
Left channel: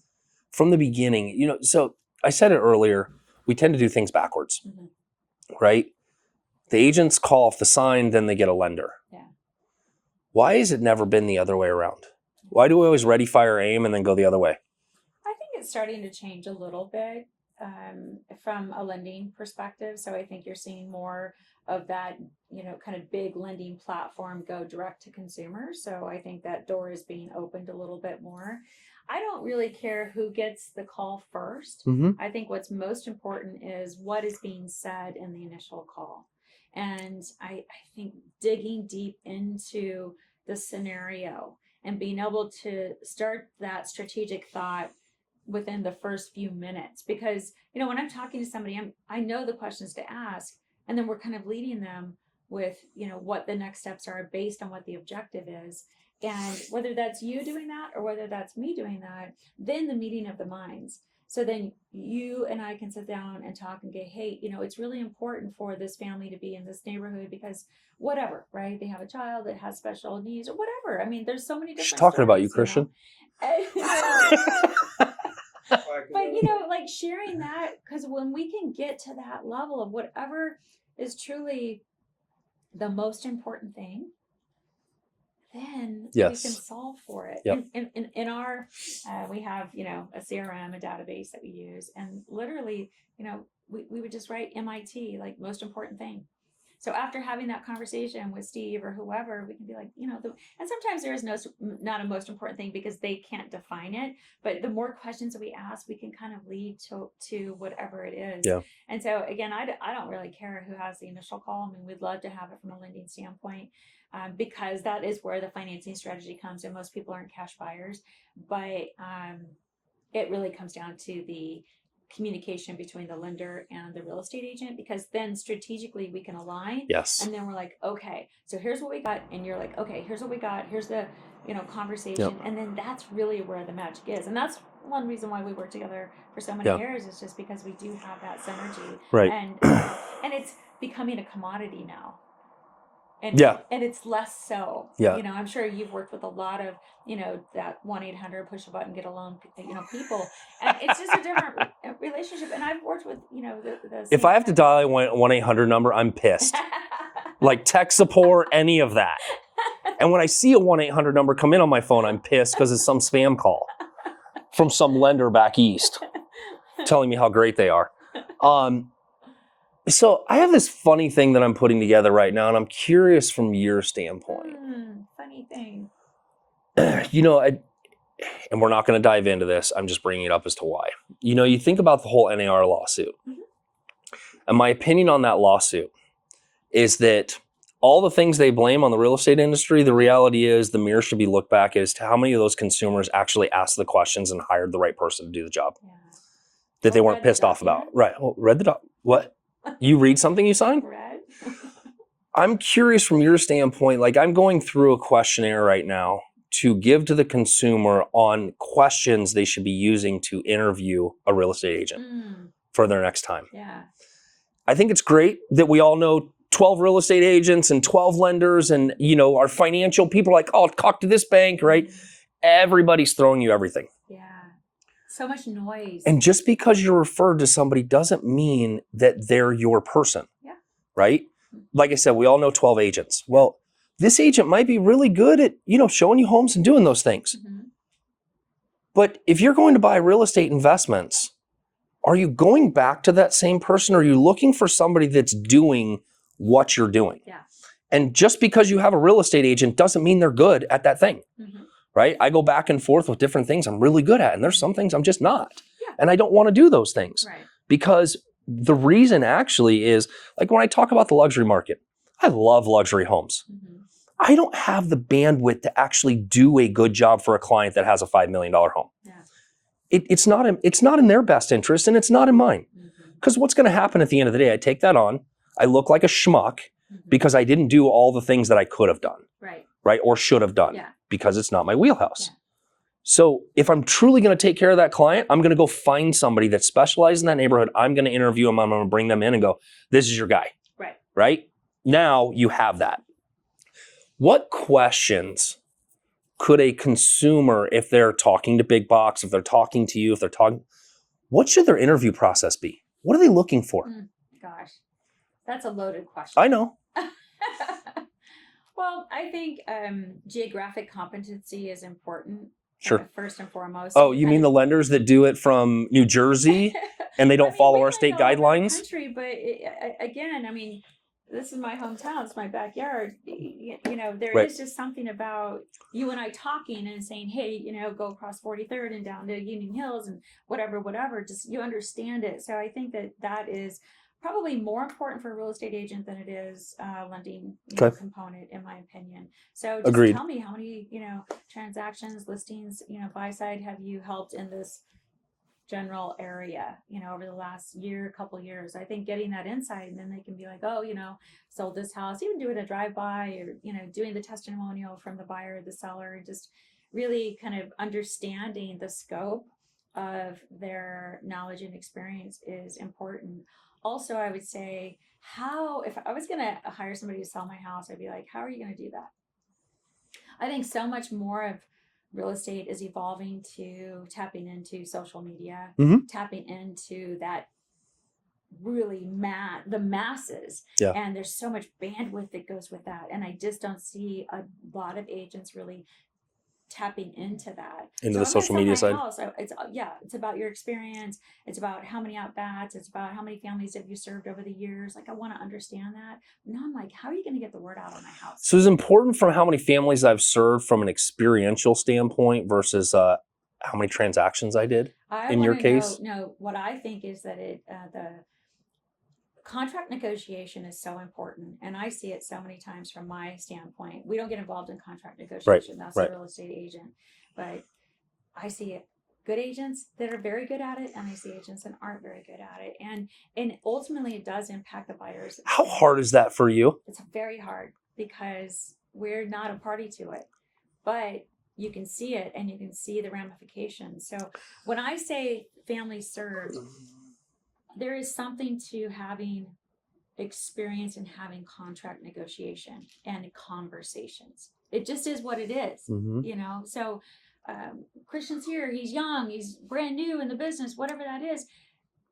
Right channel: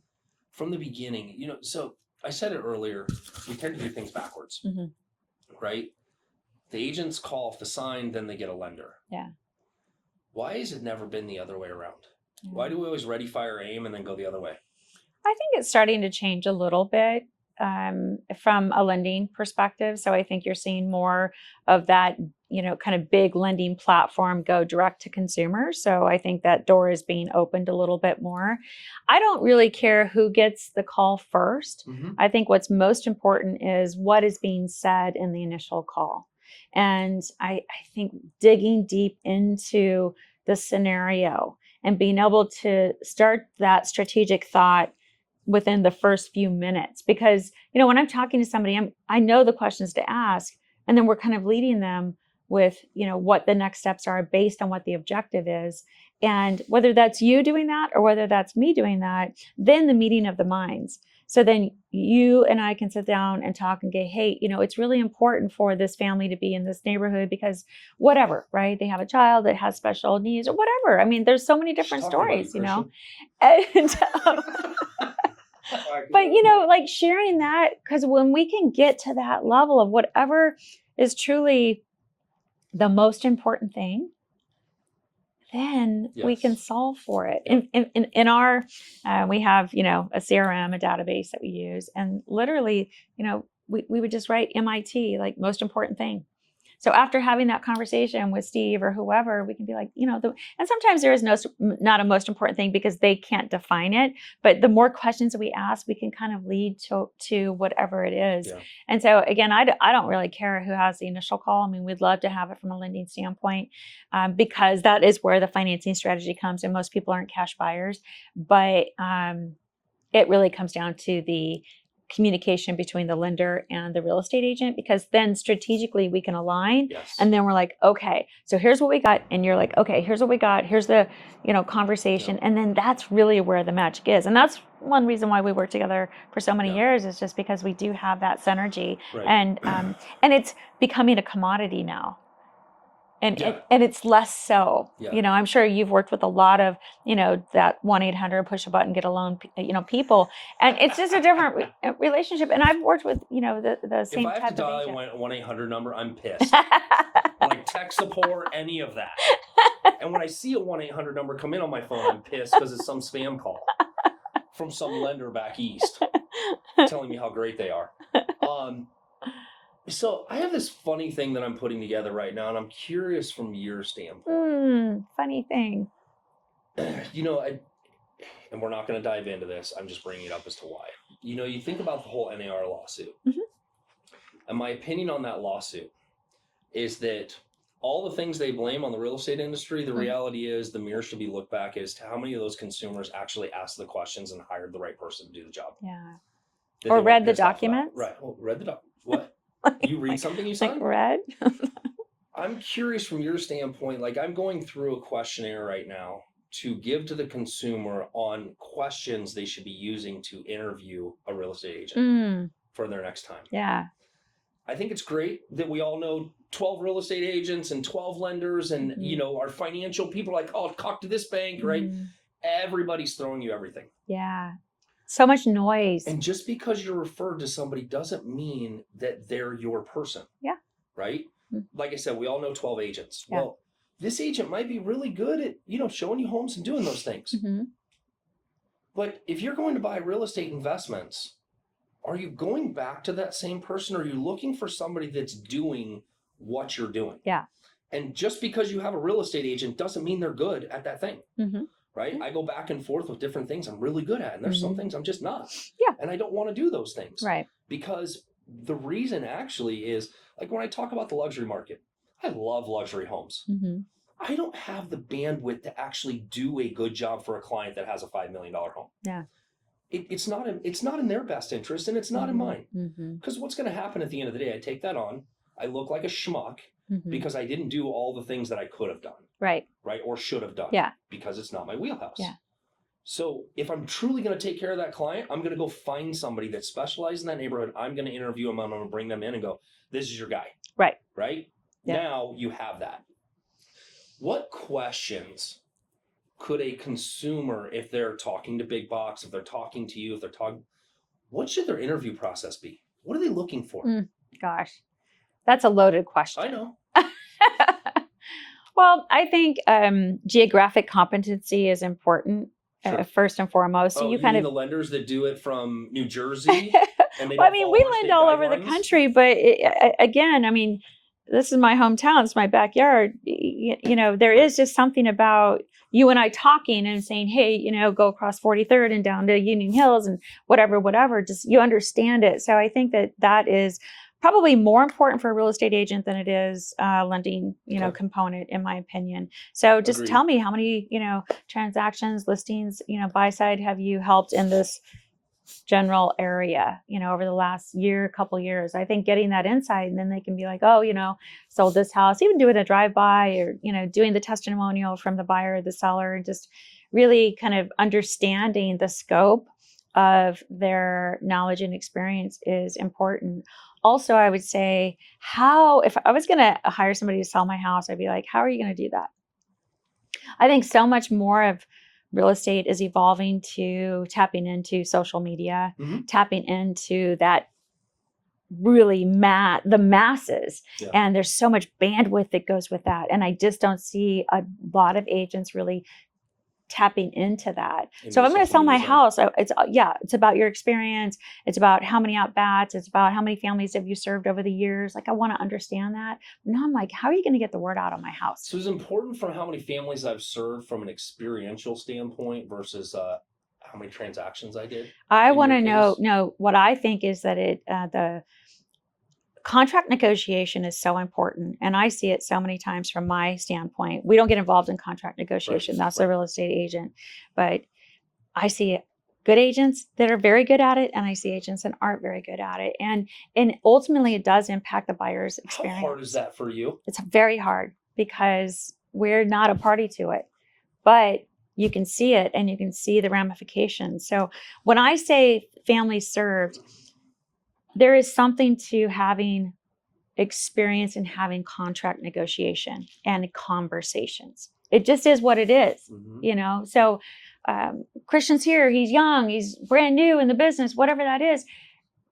From the beginning, so I said it earlier, we tend to do things backwards, right? The agents call off the sign, then they get a lender. Yeah. Why has it never been the other way around? Why do we always ready, fire, aim, and then go the other way? I think it's starting to change a little bit from a lending perspective. So I think you're seeing more of that, kind of big lending platform go direct to consumers. So I think that door is being opened a little bit more. I don't really care who gets the call first. I think what's most important is what is being said in the initial call. And I think digging deep into the scenario and being able to start that strategic thought within the first few minutes. Because, when I'm talking to somebody, I know the questions to ask, and then we're kind of leading them with, what the next steps are based on what the objective is. And whether that's you doing that or whether that's me doing that, then the meeting of the minds. So then you and I can sit down and talk and go, hey, it's really important for this family to be in this neighborhood because whatever, right? They have a child that has special needs or whatever. I mean, there's so many different stories. Talking about you, Christian. But, like sharing that, because when we can get to that level of whatever is truly the most important thing, then we can solve for it. Yep. In our, we have, a CRM, a database that we use. And literally, we would just write MIT, like most important thing. So after having that conversation with Steve or whoever, we can be like, and sometimes there is not a most important thing because they can't define it. But the more questions that we ask, we can kind of lead to whatever it is. Yeah. And so again, I don't really care who has the initial call. I mean, we'd love to have it from a lending standpoint because that is where the financing strategy comes. And most people aren't cash buyers, but it really comes down to the communication between the lender and the real estate agent, because then strategically we can align. Yes. And then we're like, okay, so here's what we got. And you're like, okay, here's what we got. Here's the, conversation. Yep. And then that's really where the magic is. And that's one reason why we worked together for so many years is just because we do have that synergy. Right. And it's becoming a commodity now. And it's less so. Yeah. I'm sure you've worked with a lot of, that 1-800 push a button, get a loan, people. And it's just a different relationship. And I've worked with, the same if I have to dial a 1-800 number, I'm pissed. Like tech support, any of that. And when I see a 1-800 number come in on my phone, I'm pissed because it's some spam call from some lender back east telling me how great they are. So I have this funny thing that I'm putting together right now, and I'm curious from your standpoint. Funny thing. You know, and we're not going to dive into this. I'm just bringing it up as to why. You know, you think about the whole NAR lawsuit. And my opinion on that lawsuit is that all the things they blame on the real estate industry, the reality is the mirror should be looked back as to how many of those consumers actually asked the questions and hired the right person to do the job. Yeah. That they weren't pissed off about. Right. Well, read the what? You read something you signed? Read? I'm curious from your standpoint, like I'm going through a questionnaire right now to give to the consumer on questions they should be using to interview a real estate agent for their next time. Yeah. I think it's great that we all know 12 real estate agents and 12 lenders and, you know, our financial people are like, oh, talk to this bank, right? Everybody's throwing you everything. Yeah. So much noise. And just because you're referred to somebody doesn't mean that they're your person. Yeah. Right? Like I said, we all know 12 agents. Yeah. Well, this agent might be really good at, you know, showing you homes and doing those things. But if you're going to buy real estate investments, are you going back to that same person or are you looking for somebody that's doing what you're doing? Yeah. And just because you have a real estate agent doesn't mean they're good at that thing. Right? I go back and forth with different things I'm really good at, and there's some things I'm just not. Yeah. And I don't want to do those things. Right. Because the reason actually is, like when I talk about the luxury market, I love luxury homes. I don't have the bandwidth to actually do a good job for a client that has a $5 million home. Yeah. It's not in their best interest, and it's not in mine. Because what's going to happen at the end of the day, I take that on, I look like a schmuck, because I didn't do all the things that I could have done. Right. Right. Or should have done. Yeah. Because it's not my wheelhouse. Yeah. So if I'm truly going to take care of that client, I'm going to go find somebody that specializes in that neighborhood. I'm going to interview them. I'm going to bring them in and go, this is your guy. Right. Right. Yeah. Now you have that. What questions could a consumer, if they're talking to big box, if they're talking to you, what should their interview process be? What are they looking for? Gosh, that's a loaded question. I know. Well, I think geographic competency is important, first and foremost. So you mean the lenders that do it from New Jersey and they don't follow our state guidelines? Over the country, but again, I mean, this is my hometown. It's my backyard. You know, there is just something about you and I talking and saying, hey, you know, go across 43rd and down to Union Hills and whatever, just you understand it. So I think that is probably more important for a real estate agent than it is lending, component, in my opinion. So just tell me how many, transactions, listings, buy side have you helped in this general area, over the last couple years. I think getting that insight, and then they can be like, oh, sold this house, even doing a drive-by or, doing the testimonial from the buyer or the seller, and just really kind of understanding the scope of their knowledge and experience is important. Also, I would say if I was going to hire somebody to sell my house, I'd be like, how are you going to do that? I think so much more of real estate is evolving to tapping into social media, tapping into that really the masses. Yeah. And there's so much bandwidth that goes with that. And I just don't see a lot of agents really tapping into that. So I'm going to sell my house. It's about your experience. It's about how many at-bats. It's about how many families have you served over the years. Like, I want to understand that. Now I'm like, how are you going to get the word out on my house? So it's important from how many families I've served from an experiential standpoint versus how many transactions I did. I want to know what I think is that the contract negotiation is so important. And I see it so many times from my standpoint. We don't get involved in contract negotiation. That's a real estate agent. But I see good agents that are very good at it, and I see agents that aren't very good at it. And ultimately, it does impact the buyer's experience. How hard is that for you? It's very hard because we're not a party to it. But you can see it, and you can see the ramifications. So when I say family served, there is something to having experience in having contract negotiation and conversations. It just is what it is, So Christian's here, he's young, he's brand new in the business, whatever that is.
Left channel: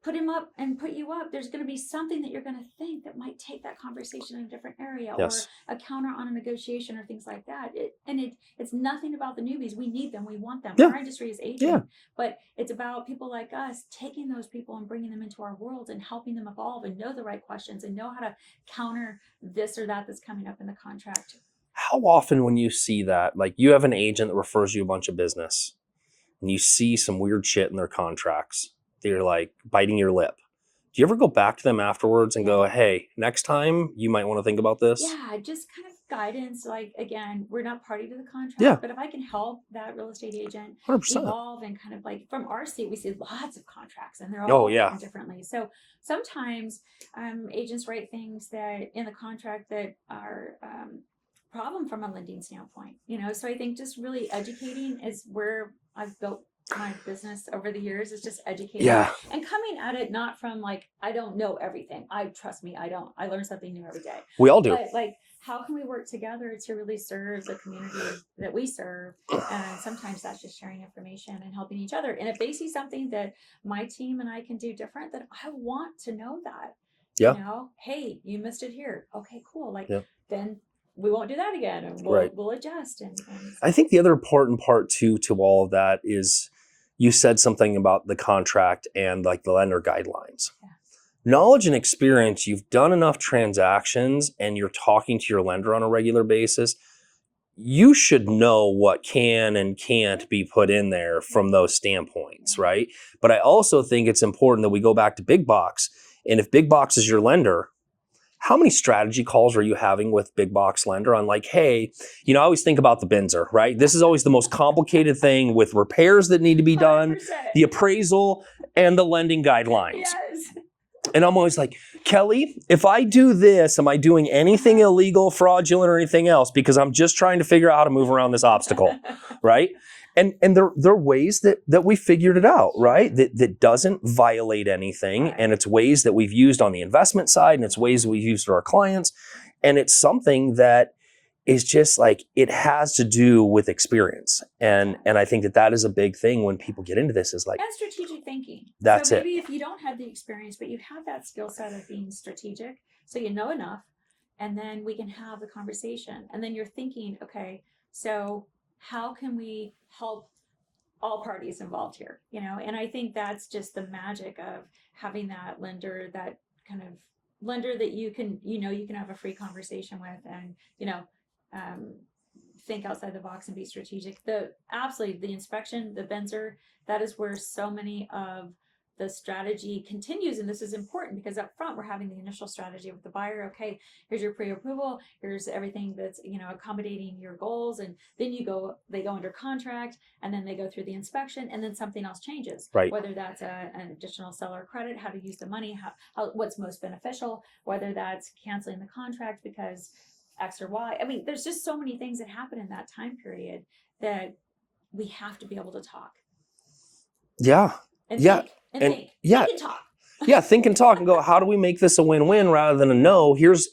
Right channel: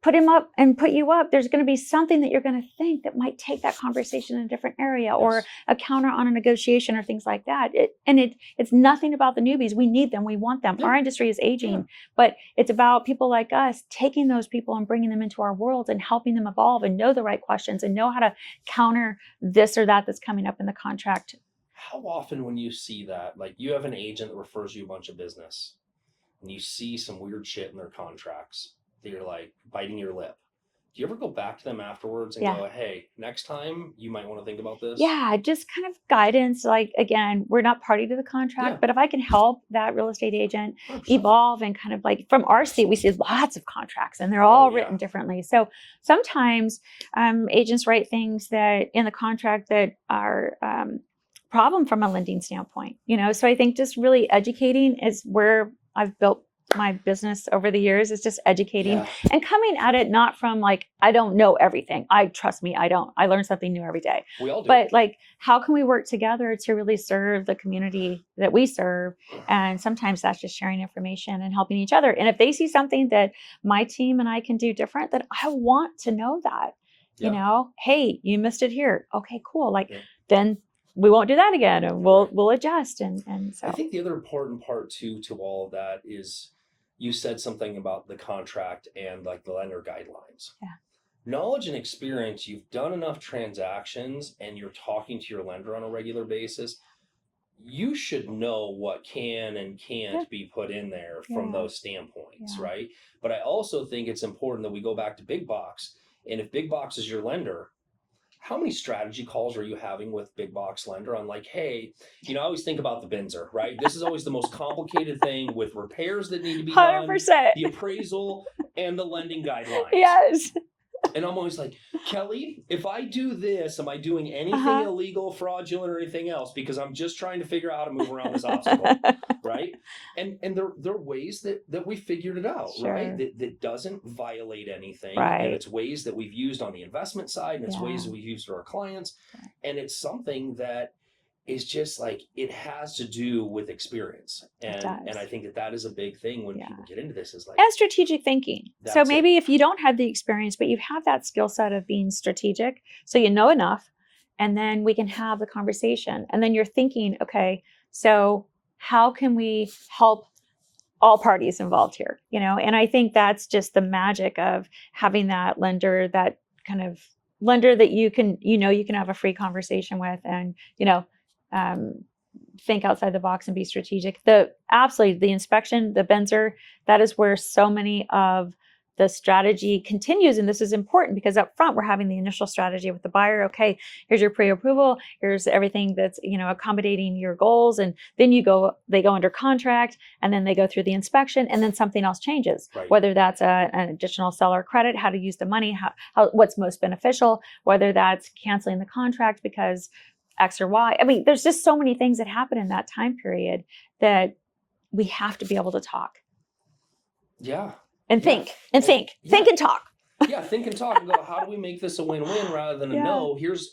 put him up and put you up, there's going to be something that you're going to think that might take that conversation in a different area, or a counter on a negotiation or things like that. It's nothing about the newbies. We need them. We want them. Our industry is aging, but it's about people like us taking those people and bringing them into our world and helping them evolve and know the right questions and know how to counter this or that that's coming up in the contract. How often when you see that, like you have an agent that refers you a bunch of business and you see some weird shit in their contracts, they're like biting your lip. Do you ever go back to them afterwards and go, hey, next time you might want to think about this? Yeah, just kind of guidance. Like, again, we're not party to the contract, but if I can help that real estate agent 100%. Evolve and kind of like from our seat, we see lots of contracts and they're all written differently. So sometimes agents write things that in the contract that are problem from a lending standpoint, so I think just really educating is where I've built my business over the years, is just educating and coming at it not from like, I don't know everything. Trust me, I don't. I learn something new every day. We all do. But like, how can we work together to really serve the community that we serve? And sometimes that's just sharing information and helping each other. And if they see something that my team and I can do different, then I want to know that. Hey, you missed it here. Okay, cool. Like then we won't do that again, and we'll adjust. And so. I think the other important part too to all of that is you said something about the contract and like the lender guidelines. Knowledge and experience, you've done enough transactions and you're talking to your lender on a regular basis, you should know what can and can't be put in there from those standpoints, right? But I also think it's important that we go back to big box. And if big box is your lender, how many strategy calls are you having with big box lender on like, hey, I always think about the Benzer, right? This is always the most complicated thing with repairs that need to be done, 100%. the appraisal and the lending guidelines. Yes. And I'm always like, Kelly, if I do this, am I doing anything illegal, fraudulent, or anything else? Because I'm just trying to figure out how to move around this obstacle, right? And there are ways that we figured it out, right? That doesn't violate anything. And it's ways that we've used on the investment side, and it's ways that we've used for our clients. And it's something that is just like, it has to do with experience. And I think that is a big thing when people get into this, is like. And strategic thinking. So maybe if you don't have the experience, but you have that skill set of being strategic, so you know enough, and then we can have the conversation. And then you're thinking, okay, so how can we help all parties involved here? And I think that's just the magic of having that lender, that kind of lender that you can have a free conversation with, and, think outside the box and be strategic. Absolutely, the inspection, the Benzer, that is where so many of the strategy continues. And this is important because up front, we're having the initial strategy with the buyer. Okay, here's your pre-approval. Here's everything that's, accommodating your goals. And then they go under contract, and then they go through the inspection, and then something else changes. Right. Whether that's an additional seller credit, how to use the money, what's most beneficial, whether that's canceling the contract because X or Y. I mean, there's just so many things that happen in that time period that we have to be able to talk. Yeah. And think and talk. Yeah, think and talk and go, how do we make this a win-win rather than a no? Here's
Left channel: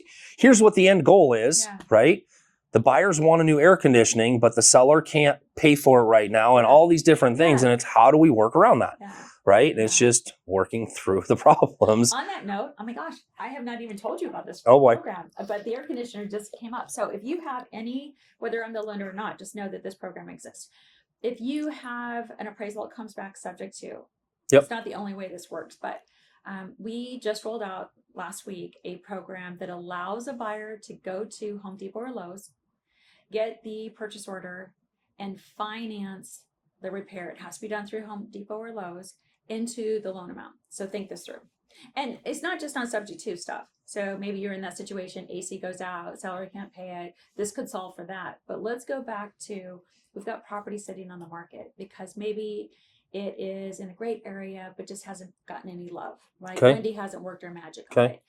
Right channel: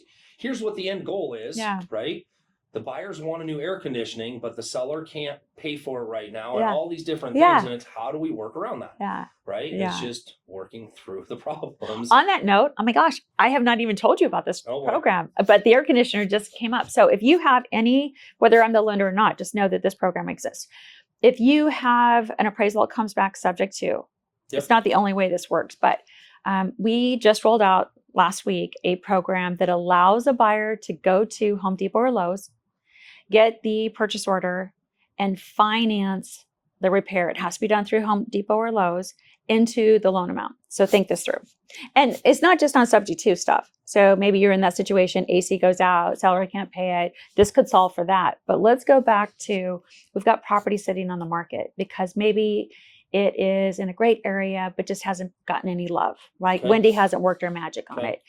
what the end goal is, right? The buyers want a new air conditioning, but the seller can't pay for it right now, and all these different things. And it's, how do we work around that, right? And it's just working through the problems. On that note, oh my gosh, I have not even told you about this program, but the air conditioner just came up. So if you have whether I'm the lender or not, just know that this program exists. If you have an appraisal that comes back subject to, it's not the only way this works, but we just rolled out last week a program that allows a buyer to go to Home Depot or Lowe's, get the purchase order, and finance the repair. It has to be done through Home Depot or Lowe's into the loan amount. So think this through. And it's not just on subject to stuff. So maybe you're in that situation, AC goes out, seller can't pay it. This could solve for that. But let's go back to, we've got property sitting on the market because maybe it is in a great area, but just hasn't gotten any love, right? Wendy hasn't worked her magic on it.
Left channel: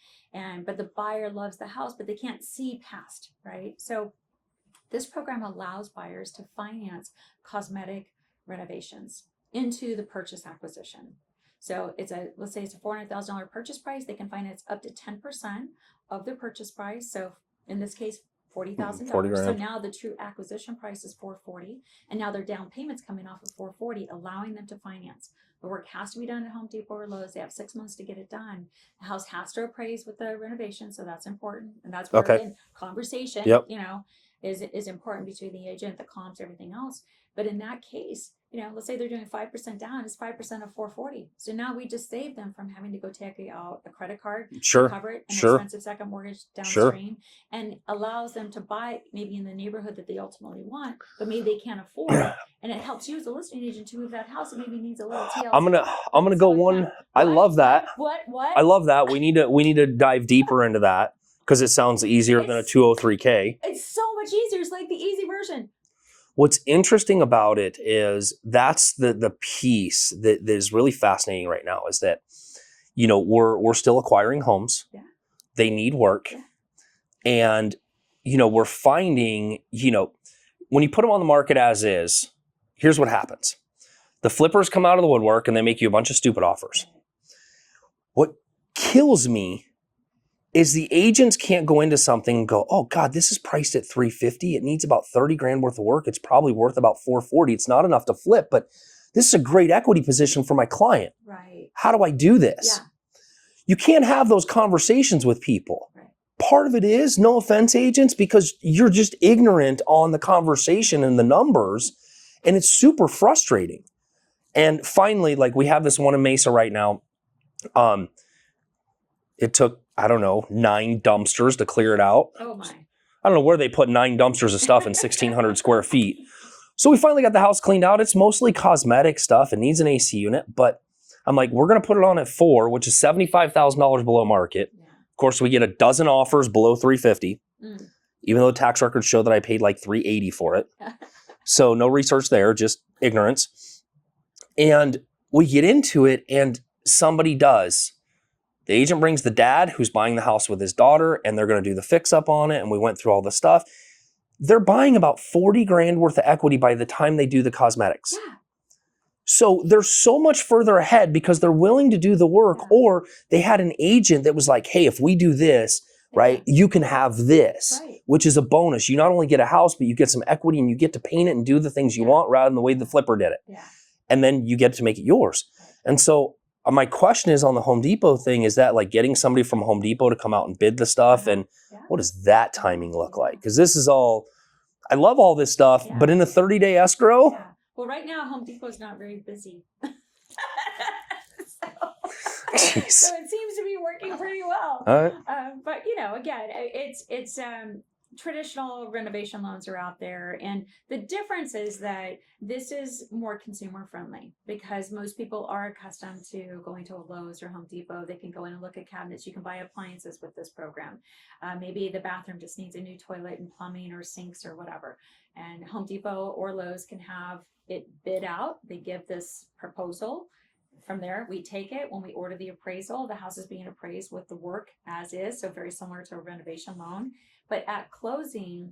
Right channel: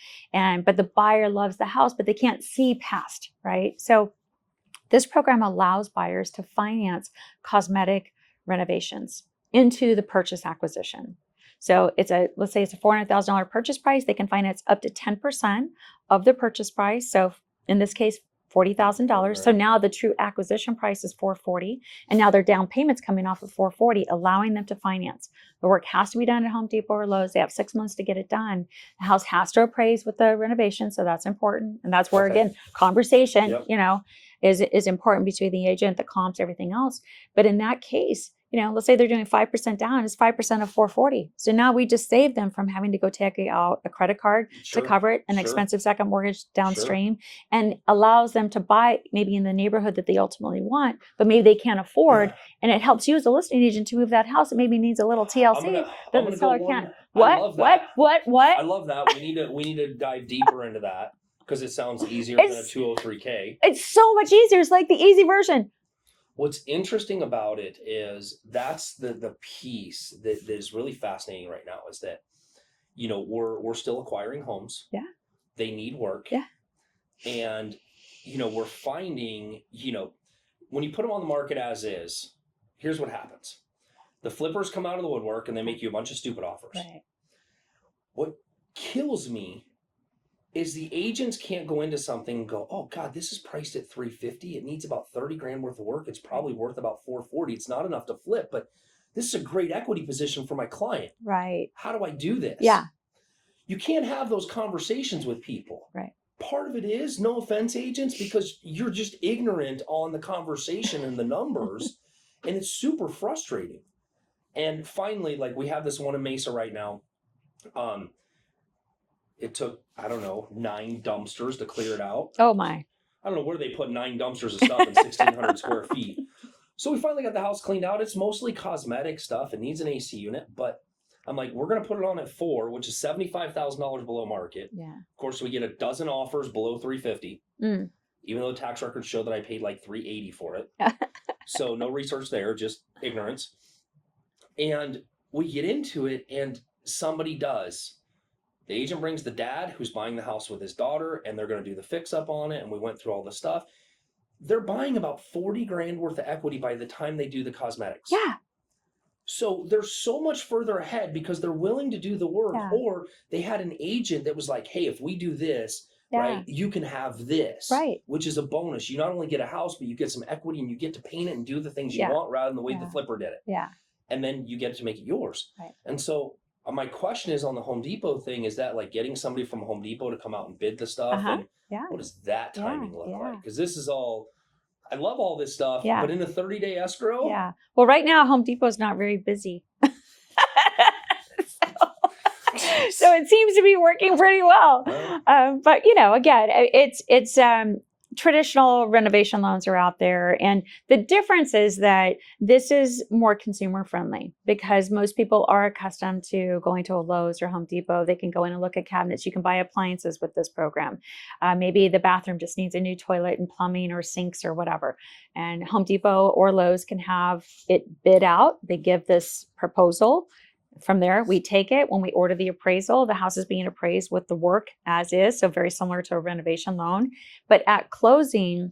But the buyer loves the house, but they can't see past, right? So this program allows buyers to finance cosmetic renovations into the purchase acquisition. So let's say it's a $400,000 purchase price. They can finance up to 10% of the purchase price. So in this case, $40,000. So now the true acquisition price is $440,000, and now their down payment's coming off of $440,000, allowing them to finance. The work has to be done at Home Depot or Lowe's. They have 6 months to get it done. The house has to appraise with the renovation, so that's important. And that's where again, conversation, is important between the agent, the comps, everything else. But in that case, let's say they're doing 5% down, it's 5% of $440,000. So now we just saved them from having to go take out a credit card to cover it, an expensive second mortgage downstream, and allows them to buy maybe in the neighborhood that they ultimately want, but maybe they can't afford. And it helps you as a listing agent to move that house. It maybe needs a little TLC. I'm gonna go one. I love that. What? I love that. We need to dive deeper into that because it sounds easier than a 203K. It's so much easier. It's like the easy version. What's interesting about it is that's the piece that is really fascinating right now is that, we're still acquiring homes. Yeah. They need work. Yeah. And, we're finding, when you put them on the market as is, here's what happens. The flippers come out of the woodwork and they make you a bunch of stupid offers. Right. What kills me is the agents can't go into something and go, oh God, this is priced at $350. It needs about 30 grand worth of work. It's probably worth about $440. It's not enough to flip, but this is a great equity position for my client. Right. How do I do this? Yeah. You can't have those conversations with people. Right. Part of it is, no offense, agents, because you're just ignorant on the conversation and the numbers, and it's super frustrating. And finally, like we have this one in Mesa right now. It took, 9 dumpsters to clear it out. Oh my. I don't know where they put 9 dumpsters of stuff in 1,600 square feet. So we finally got the house cleaned out. It's mostly cosmetic stuff. It needs an AC unit, but I'm like, we're going to put it on at 4, which is $75,000 below market. Yeah. Of course, we get a dozen offers below $350, even though the tax records show that I paid like $380 for it. So no research there, just ignorance. And we get into it and somebody does. The agent brings the dad who's buying the house with his daughter, and they're going to do the fix up on it. And we went through all the stuff. They're buying about 40 grand worth of equity by the time they do the cosmetics. Yeah. So they're so much further ahead because they're willing to do the work, or they had an agent that was like, hey, if we do this, right, you can have this, which is a bonus. You not only get a house, but you get some equity and you get to paint it and do the things you want rather than the way the flipper did it. Yeah. And then you get to make it yours. Right. And so my question is on the Home Depot thing, is that like getting somebody from Home Depot to come out and bid the stuff? And what does that timing look like? Because this is all, I love all this stuff, but in a 30-day escrow? Yeah. Well, right now, Home Depot is not very busy. So it seems to be working pretty well. But, again, it's traditional renovation loans are out there. And the difference is that this is more consumer friendly because most people are accustomed to going to a Lowe's or Home Depot. They can go in and look at cabinets. You can buy appliances with this program. Maybe the bathroom just needs a new toilet and plumbing or sinks or whatever. And Home Depot or Lowe's can have it bid out. They give this proposal. From there, we take it. When we order the appraisal, the house is being appraised with the work as is, so very similar to a renovation loan. But at closing,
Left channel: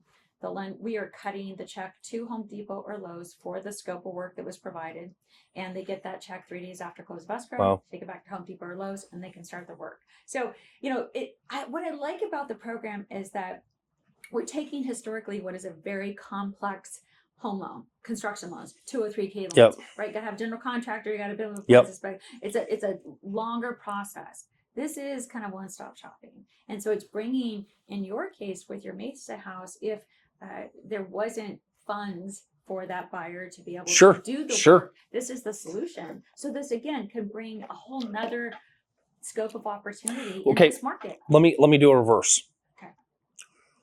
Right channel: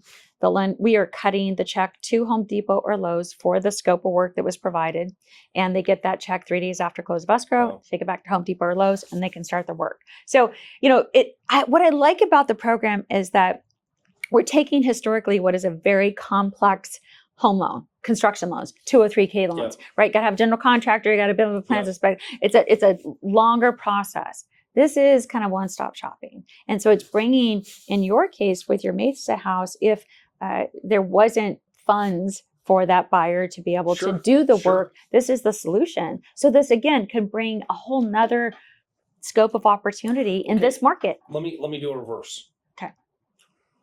we are cutting the check to Home Depot or Lowe's for the scope of work that was provided, and they get that check 3 days after close of escrow, take it back to Home Depot or Lowe's, and they can start the work. So, what I like about the program is that we're taking historically what is a very complex home loan, construction loans, 203K loans, right? Got to have general contractor, you got to build a plans, it's a longer process. This is kind of one-stop shopping. And so it's bringing, in your case with your Mesa house, if there wasn't funds for that buyer to be able to do the work, this is the solution. So this again could bring a whole nother scope of opportunity in this market. Let me do a reverse. Okay.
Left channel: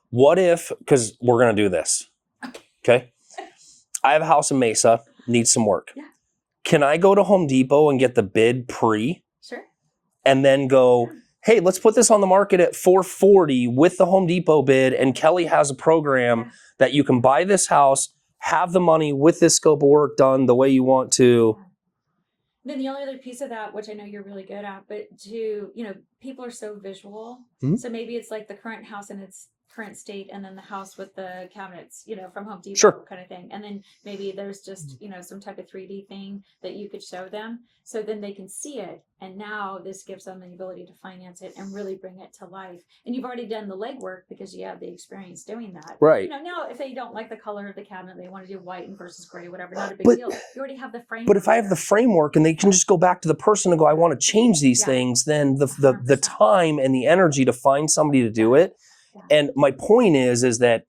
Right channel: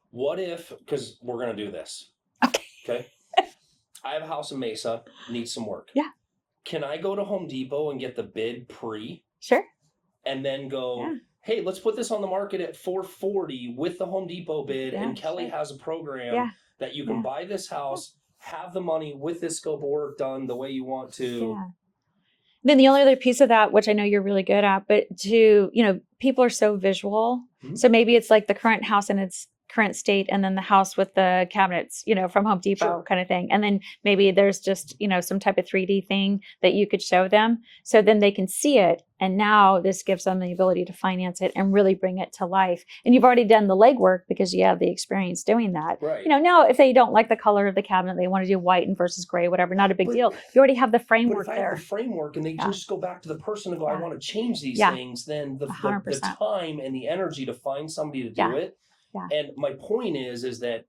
What if, because we're going to do this. Okay. I have a house in Mesa, needs some work. Yeah. Can I go to Home Depot and get the bid pre? Sure. And then go, hey, let's put this on the market at $440 with the Home Depot bid. And Kelly has a program that you can buy this house, have the money with this scope of work done the way you want to. Yeah. Then the only other piece of that, which I know you're really good at, but people are so visual. So maybe it's like the current house and it's current state, and then the house with the cabinets, from Home Depot kind of thing. And then maybe there's just, some type of 3D thing that you could show them. So then they can see it. And now this gives them the ability to finance it and really bring it to life. And you've already done the legwork because you have the experience doing that. Right. Now if they don't like the color of the cabinet, they want to do white and versus gray, whatever, not a big deal. You already have the framework. But if I have the framework and they can just go back to the person and go, I want to change these things, then the time and the energy to find somebody to do it. Yeah. And my point is that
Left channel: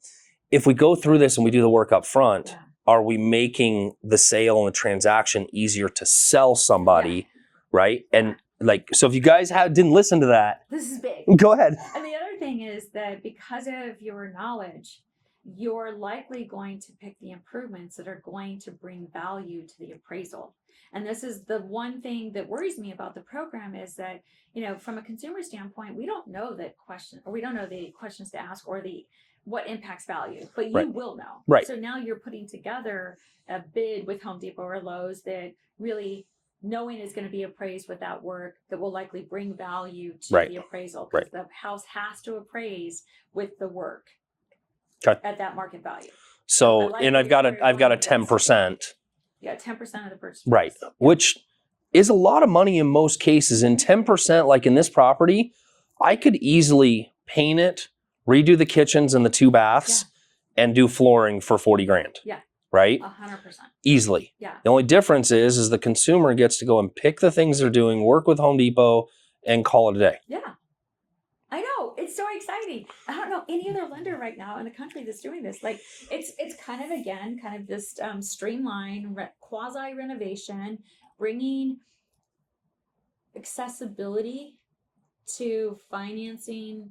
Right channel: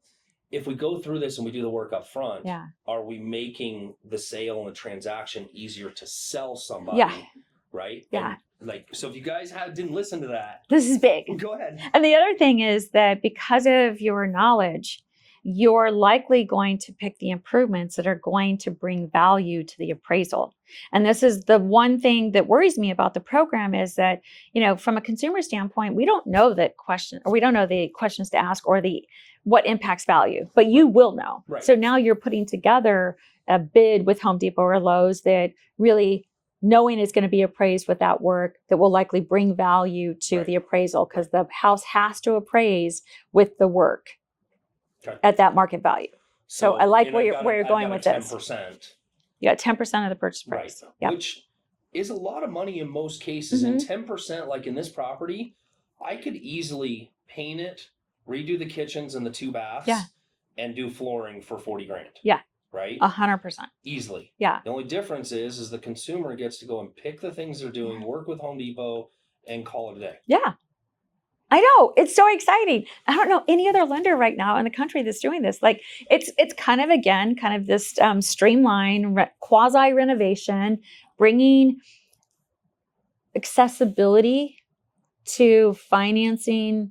if we go through this and we do the work up front, are we making the sale and the transaction easier to sell somebody, right? Yeah. And so if you guys didn't listen to that. This is big. Go ahead. And the other thing is that because of your knowledge, you're likely going to pick the improvements that are going to bring value to the appraisal. And this is the one thing that worries me about the program is that, from a consumer standpoint, we don't know the questions to ask or what impacts value, but you will know. Right. So now you're putting together a bid with Home Depot or Lowe's that really knowing it's going to be appraised with that work that will likely bring value to the appraisal because the house has to appraise with the work at that market value. So I like I've got a 10%. You got 10% of the purchase price. Right. Yeah. Which is a lot of money in most cases. And 10%, like in this property, I could easily paint it, redo the kitchens and the 2 baths, and do flooring for $40,000. Yeah. Right? 100%. Easily. Yeah. The only difference is the consumer gets to go and pick the things they're doing, work with Home Depot, and call it a day. Yeah. I know. It's so exciting. I don't know any other lender right now in the country that's doing this. Like it's kind of this streamlined quasi renovation, bringing accessibility to financing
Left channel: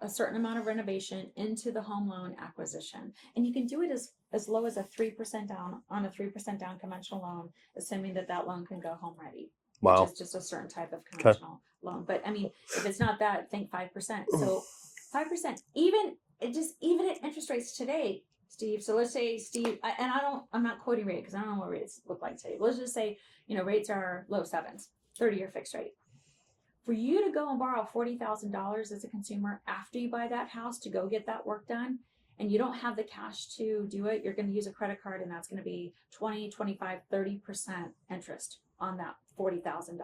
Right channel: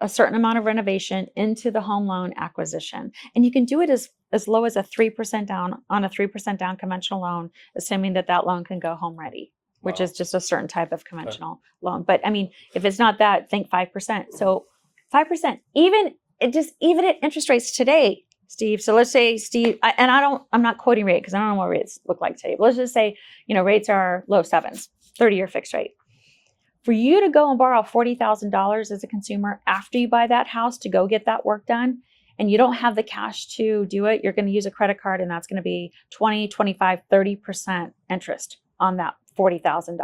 a certain amount of renovation into the home loan acquisition. And you can do it as low as a 3% down on a 3% down conventional loan, assuming that loan can go home ready. Which is just a certain type of conventional loan. But I mean, if it's not that, think 5%. So 5%, even at interest rates today, Steve. So let's say, Steve, I'm not quoting rate because I don't know what rates look like today. But let's just say, rates are low 7s, 30-year fixed rate. For you to go and borrow $40,000 as a consumer after you buy that house to go get that work done, and you don't have the cash to do it, you're going to use a credit card, and that's going to be 20, 25, 30% interest on that $40,000.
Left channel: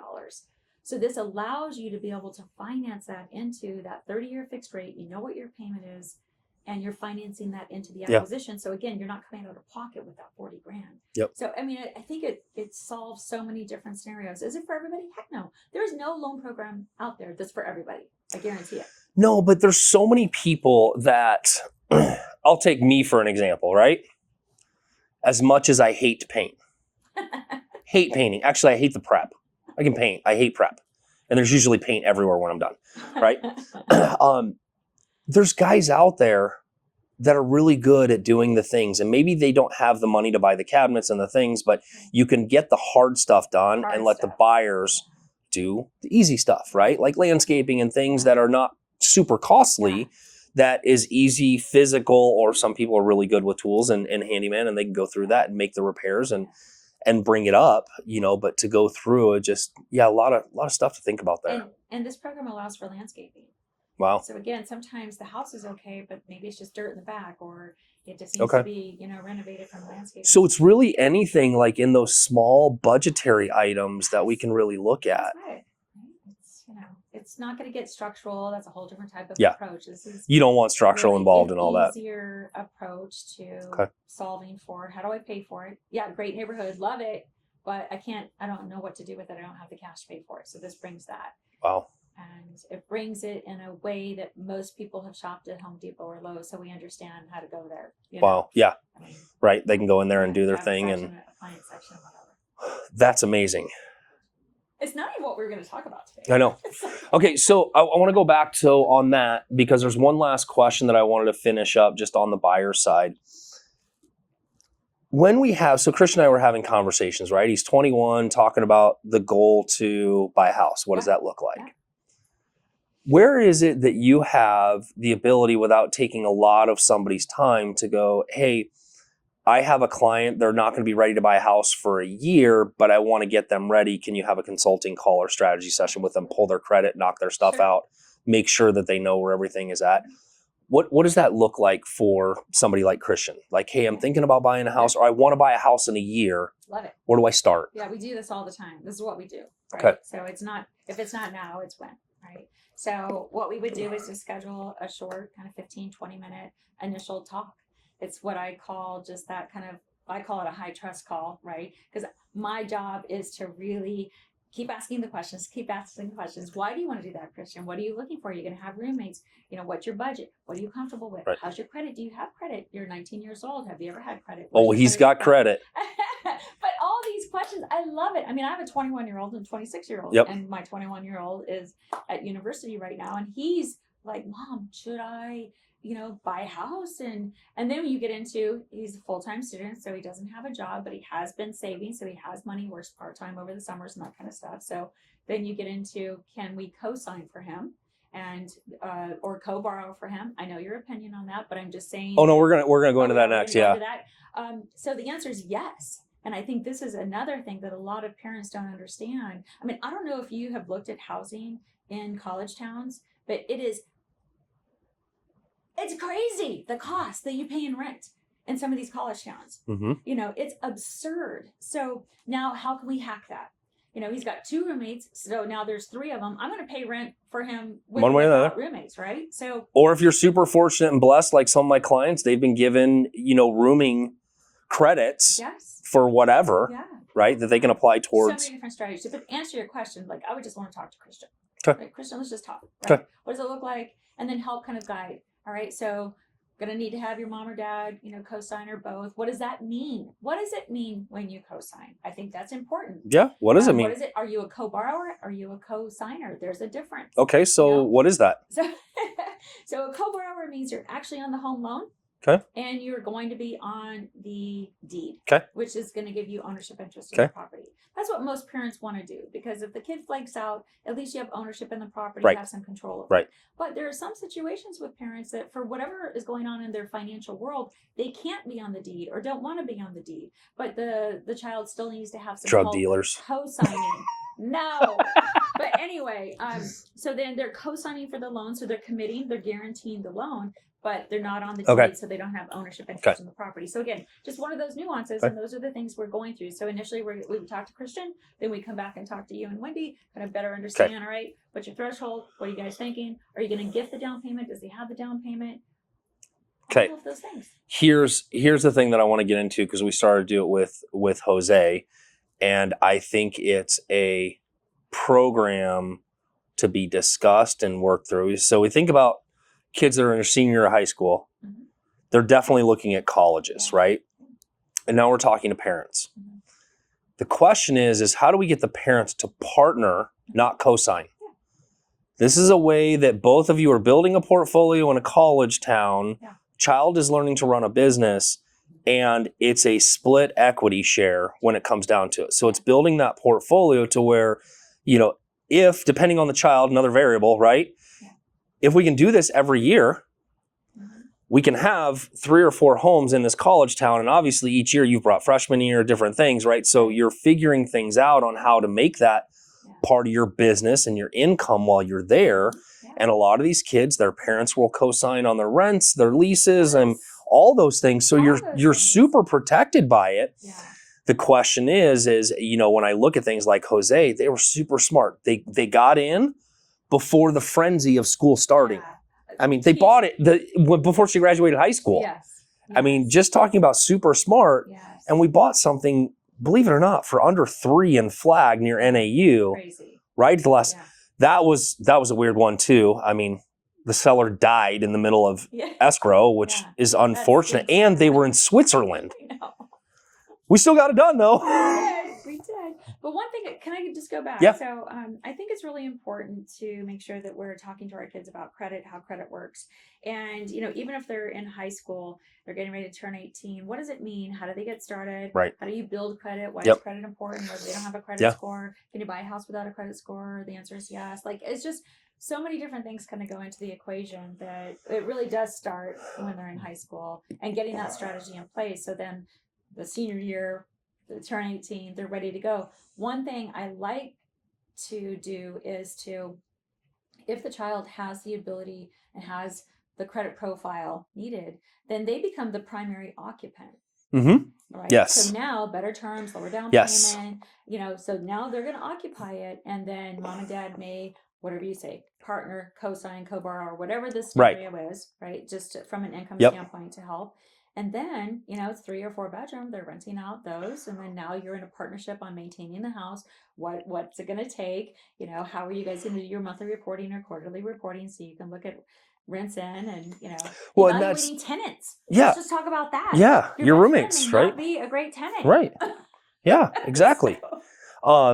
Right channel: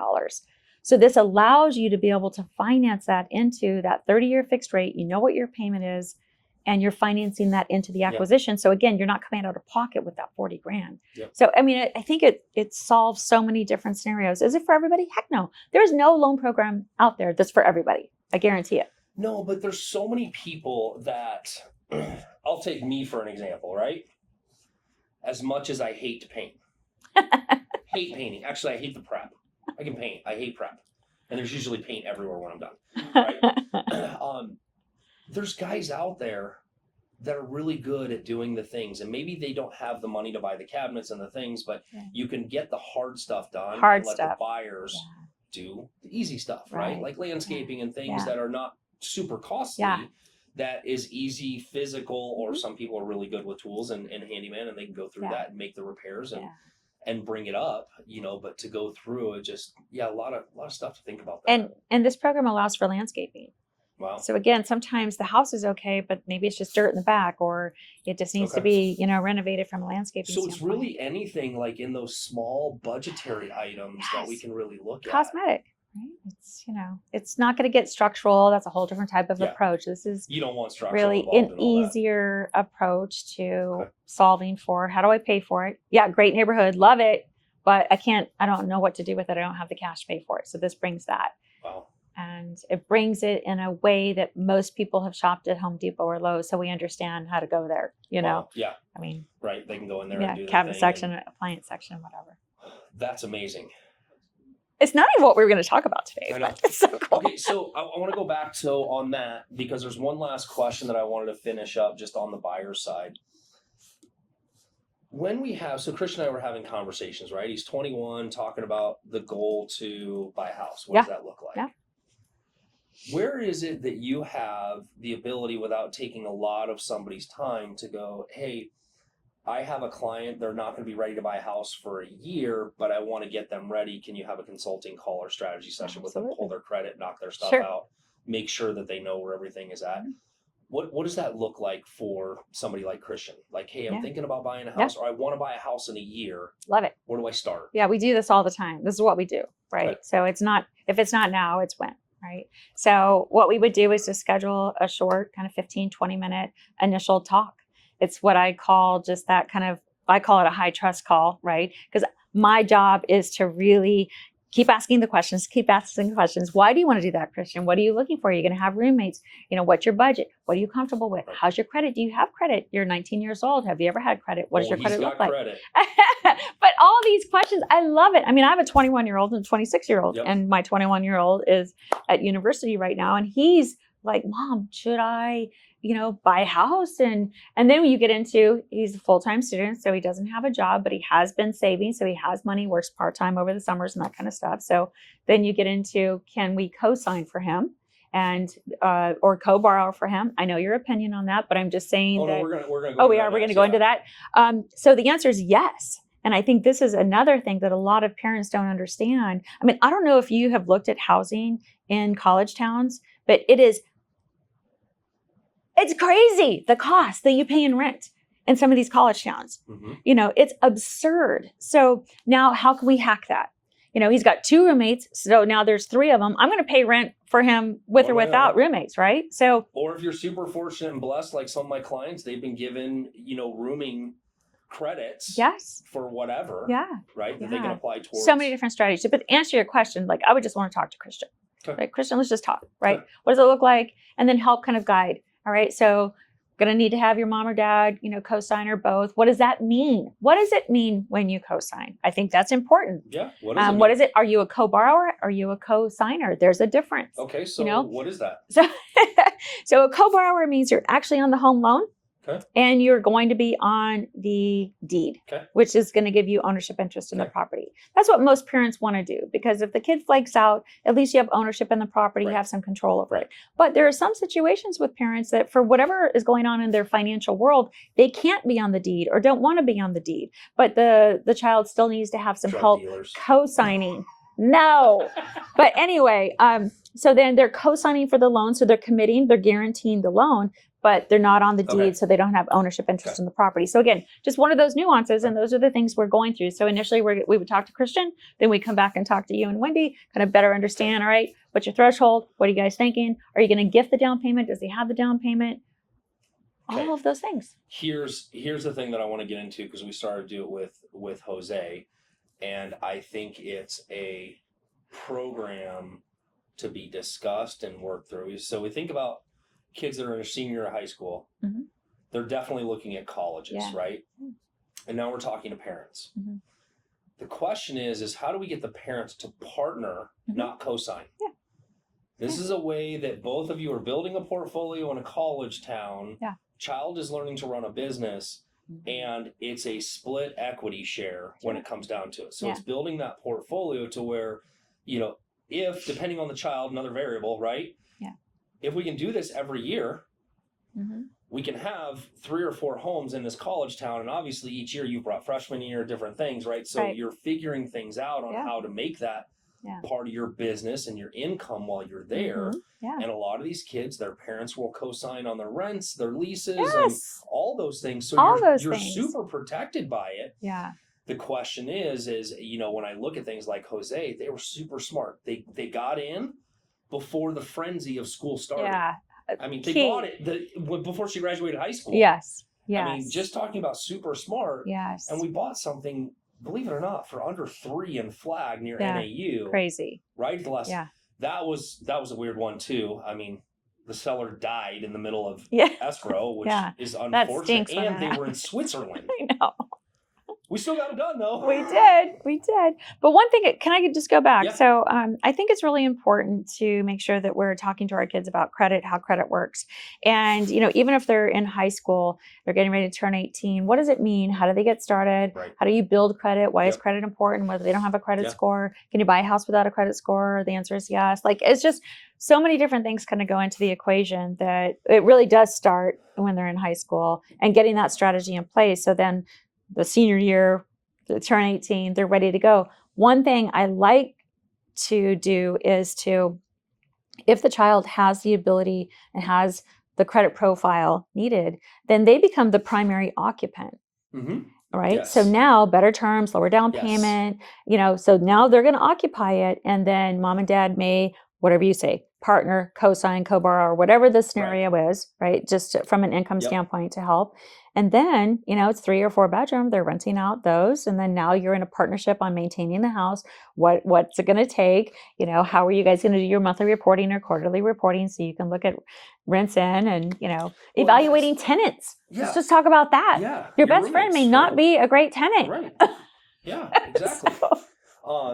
So this allows you to be able to finance that into that 30-year fixed rate. You know what your payment is, and you're financing that into the acquisition. Yep. So again, you're not coming out of pocket with that $40,000. Yep. So I mean, I think it solves so many different scenarios. Is it for everybody? Heck no. There is no loan program out there that's for everybody. I guarantee it. No, but there's so many people that I'll take me for an example, right? As much as I hate to paint. Hate painting. Actually, I hate the prep. I can paint. I hate prep. And there's usually paint everywhere when I'm done, right? There's guys out there that are really good at doing the things. And maybe they don't have the money to buy the cabinets and the things, but you can get the hard stuff done and let the buyers do the easy stuff, right? Like landscaping and things that are not super costly. That is easy, physical, or some people are really good with tools and handyman, and they can go through that and make the repairs and bring it up, but to go through it, just, a lot of stuff to think about there. And this program allows for landscaping. Wow. So again, sometimes the house is okay, but maybe it's just dirt in the back, or it just needs to be, renovated from a landscaping standpoint. It's really anything like in those small budgetary items that we can really look at. Cosmetic, right? It's, it's not going to get structural. That's a whole different type of approach. This is you don't want structural really involved in all that. An easier approach to solving for how do I pay for it? Yeah, great neighborhood, love it, but I don't know what to do with it. I don't have the cash to pay for it. So this brings that. Wow. And it brings it in a way that most people have shopped at Home Depot or Lowe's, so we understand how to go there. Wow. Yeah. I mean, right. They can go in there and do their thing. Cabinet section, appliance section, whatever. That's amazing. It's not even what we were going to talk about today. I know. So cool. Okay, so I want to go back on that because there's one last question that I wanted to finish up just on the buyer side. When we have, so Christian and I were having conversations, right? He's 21, talking about the goal to buy a house. What does that look like? Yeah. Where is it that you have the ability, without taking a lot of somebody's time, to go, hey, I have a client, they're not going to be ready to buy a house for a year, but I want to get them ready. Can you have a consulting call or strategy session with them, pull their credit, knock their stuff out, make sure that they know where everything is at. What does that look like for somebody like Christian? Like, hey, I'm thinking about buying a house, or I want to buy a house in a year. Love it. Where do I start? Yeah, we do this all the time. This is what we do, right? Okay. So if it's not now, it's when, right? So what we would do is to schedule a short kind of 15, 20-minute initial talk. It's what I call just that I call it a high trust call, right? Because my job is to really keep asking the questions. Why do you want to do that, Christian? What are you looking for? Are you going to have roommates? What's your budget? What are you comfortable with? Right. How's your credit? Do you have credit? You're 19 years old. Have you ever had credit? He's got credit. But all these questions, I love it. I mean, I have a 21-year-old and a 26-year-old, and my 21-year-old is at university right now, and he's like, Mom, should I buy a house? And then you get into, he's a full-time student, so he doesn't have a job, but he has been saving. So he has money, works part-time over the summers and that kind of stuff. So then you get into, can we co-sign for him and, or co-borrow for him? I know your opinion on that, but I'm just saying. Oh, no, we're going to go into that next. We're going to go into that. So the answer is yes. And I think this is another thing that a lot of parents don't understand. I mean, I don't know if you have looked at housing in college towns, but it's crazy, the cost that you pay in rent in some of these college towns. Mm-hmm. It's absurd. So now how can we hack that? He's got 2 roommates, so now there's 3 of them. I'm going to pay rent for him with or without roommates, right? So, or if you're super fortunate and blessed, like some of my clients, they've been given, rooming credits for whatever, right? That they can apply towards. So many different strategies. But to answer your question, like I would just want to talk to Christian. Okay. Right? Christian, let's just talk, right? Okay. What does it look like? And then help kind of guide. All right. So going to need to have your mom or dad, co-sign or both. What does that mean? What does it mean when you co-sign? I think that's important. Yeah. What does it mean? What is it? Are you a co-borrower? Are you a co-signer? There's a difference. Okay. So what is that? So a co-borrower means you're actually on the home loan. Okay. And you're going to be on the deed, which is going to give you ownership interest in the property. That's what most parents want to do, because if the kid flakes out, at least you have ownership in the property, you have some control over it. But there are some situations with parents that for whatever is going on in their financial world, they can't be on the deed or don't want to be on the deed. But the child still needs to have some drug help dealers co-signing. No. But anyway, so then they're co-signing for the loan. So they're guaranteeing the loan, but they're not on the deed, so they don't have ownership interest in the property. So again, just one of those nuances, and those are the things we're going through. So initially we would talk to Christian, then we come back and talk to you and Wendy, kind of better understand, all right, what's your threshold? What are you guys thinking? Are you going to gift the down payment? Does he have the down payment? All of those things. Here's the thing that I want to get into, because we started to do it with Jose, and I think it's a program to be discussed and worked through. So we think about kids that are in a senior year of high school. Mm-hmm. They're definitely looking at colleges, right? And now we're talking to parents. Mm-hmm. The question is how do we get the parents to partner, not co-sign? Yeah. This is a way that both of you are building a portfolio in a college town. Yeah. Child is learning to run a business, and it's a split equity share when it comes down to it. So it's building that portfolio to where, if, depending on the child, another variable, right? If we can do this every year, we can have 3 or 4 homes in this college town. And obviously each year you've brought freshman year, different things, right? So you're figuring things out on how to make that part of your business and your income while you're there. And a lot of these kids, their parents will co-sign on their rents, their leases, and all those things. So you're super protected by it. Yeah. The question is, when I look at things like Jose, they were super smart. They got in before the frenzy of school started. Yeah. I mean, they bought it before she graduated high school. Yes. I mean, just talking about super smart. Yes. And we bought something, believe it or not, for under 3 in Flag near NAU. Crazy. Right? That was a weird one too. I mean, the seller died in the middle of escrow, which is unfortunate. And they were in Switzerland. I know. We still got it done, though. We did. But one thing, can I just go back? Yeah. So I think it's really important to make sure that we're talking to our kids about credit, how credit works. And, even if they're in high school, they're getting ready to turn 18, what does it mean? How do they get started? Right. How do you build credit? Why is credit important? Whether they don't have a credit score? Can you buy a house without a credit score? The answer is yes. Like, it's just so many different things kind of go into the equation that it really does start when they're in high school and getting that strategy in place. So then the senior year, they turn 18, they're ready to go. One thing I like to do is to If the child has the ability and has the credit profile needed, then they become the primary occupant. Mm-hmm. Right. Yes. So now better terms, lower down Yes. payment, so now they're going to occupy it. And then mom and dad may, whatever you say, partner, co-sign, co-borrow, or whatever the scenario is, right? Just from an income standpoint to help. And then, it's 3 or 4 bedroom, they're renting out those. And then now you're in a partnership on maintaining the house. What's it going to take? How are you guys going to do your monthly reporting or quarterly reporting so you can look at rents in and, evaluating tenants. Yeah. Let's just talk about that. Yeah. Your best roommates, friend may not be a great tenant. Right. Yeah, exactly. I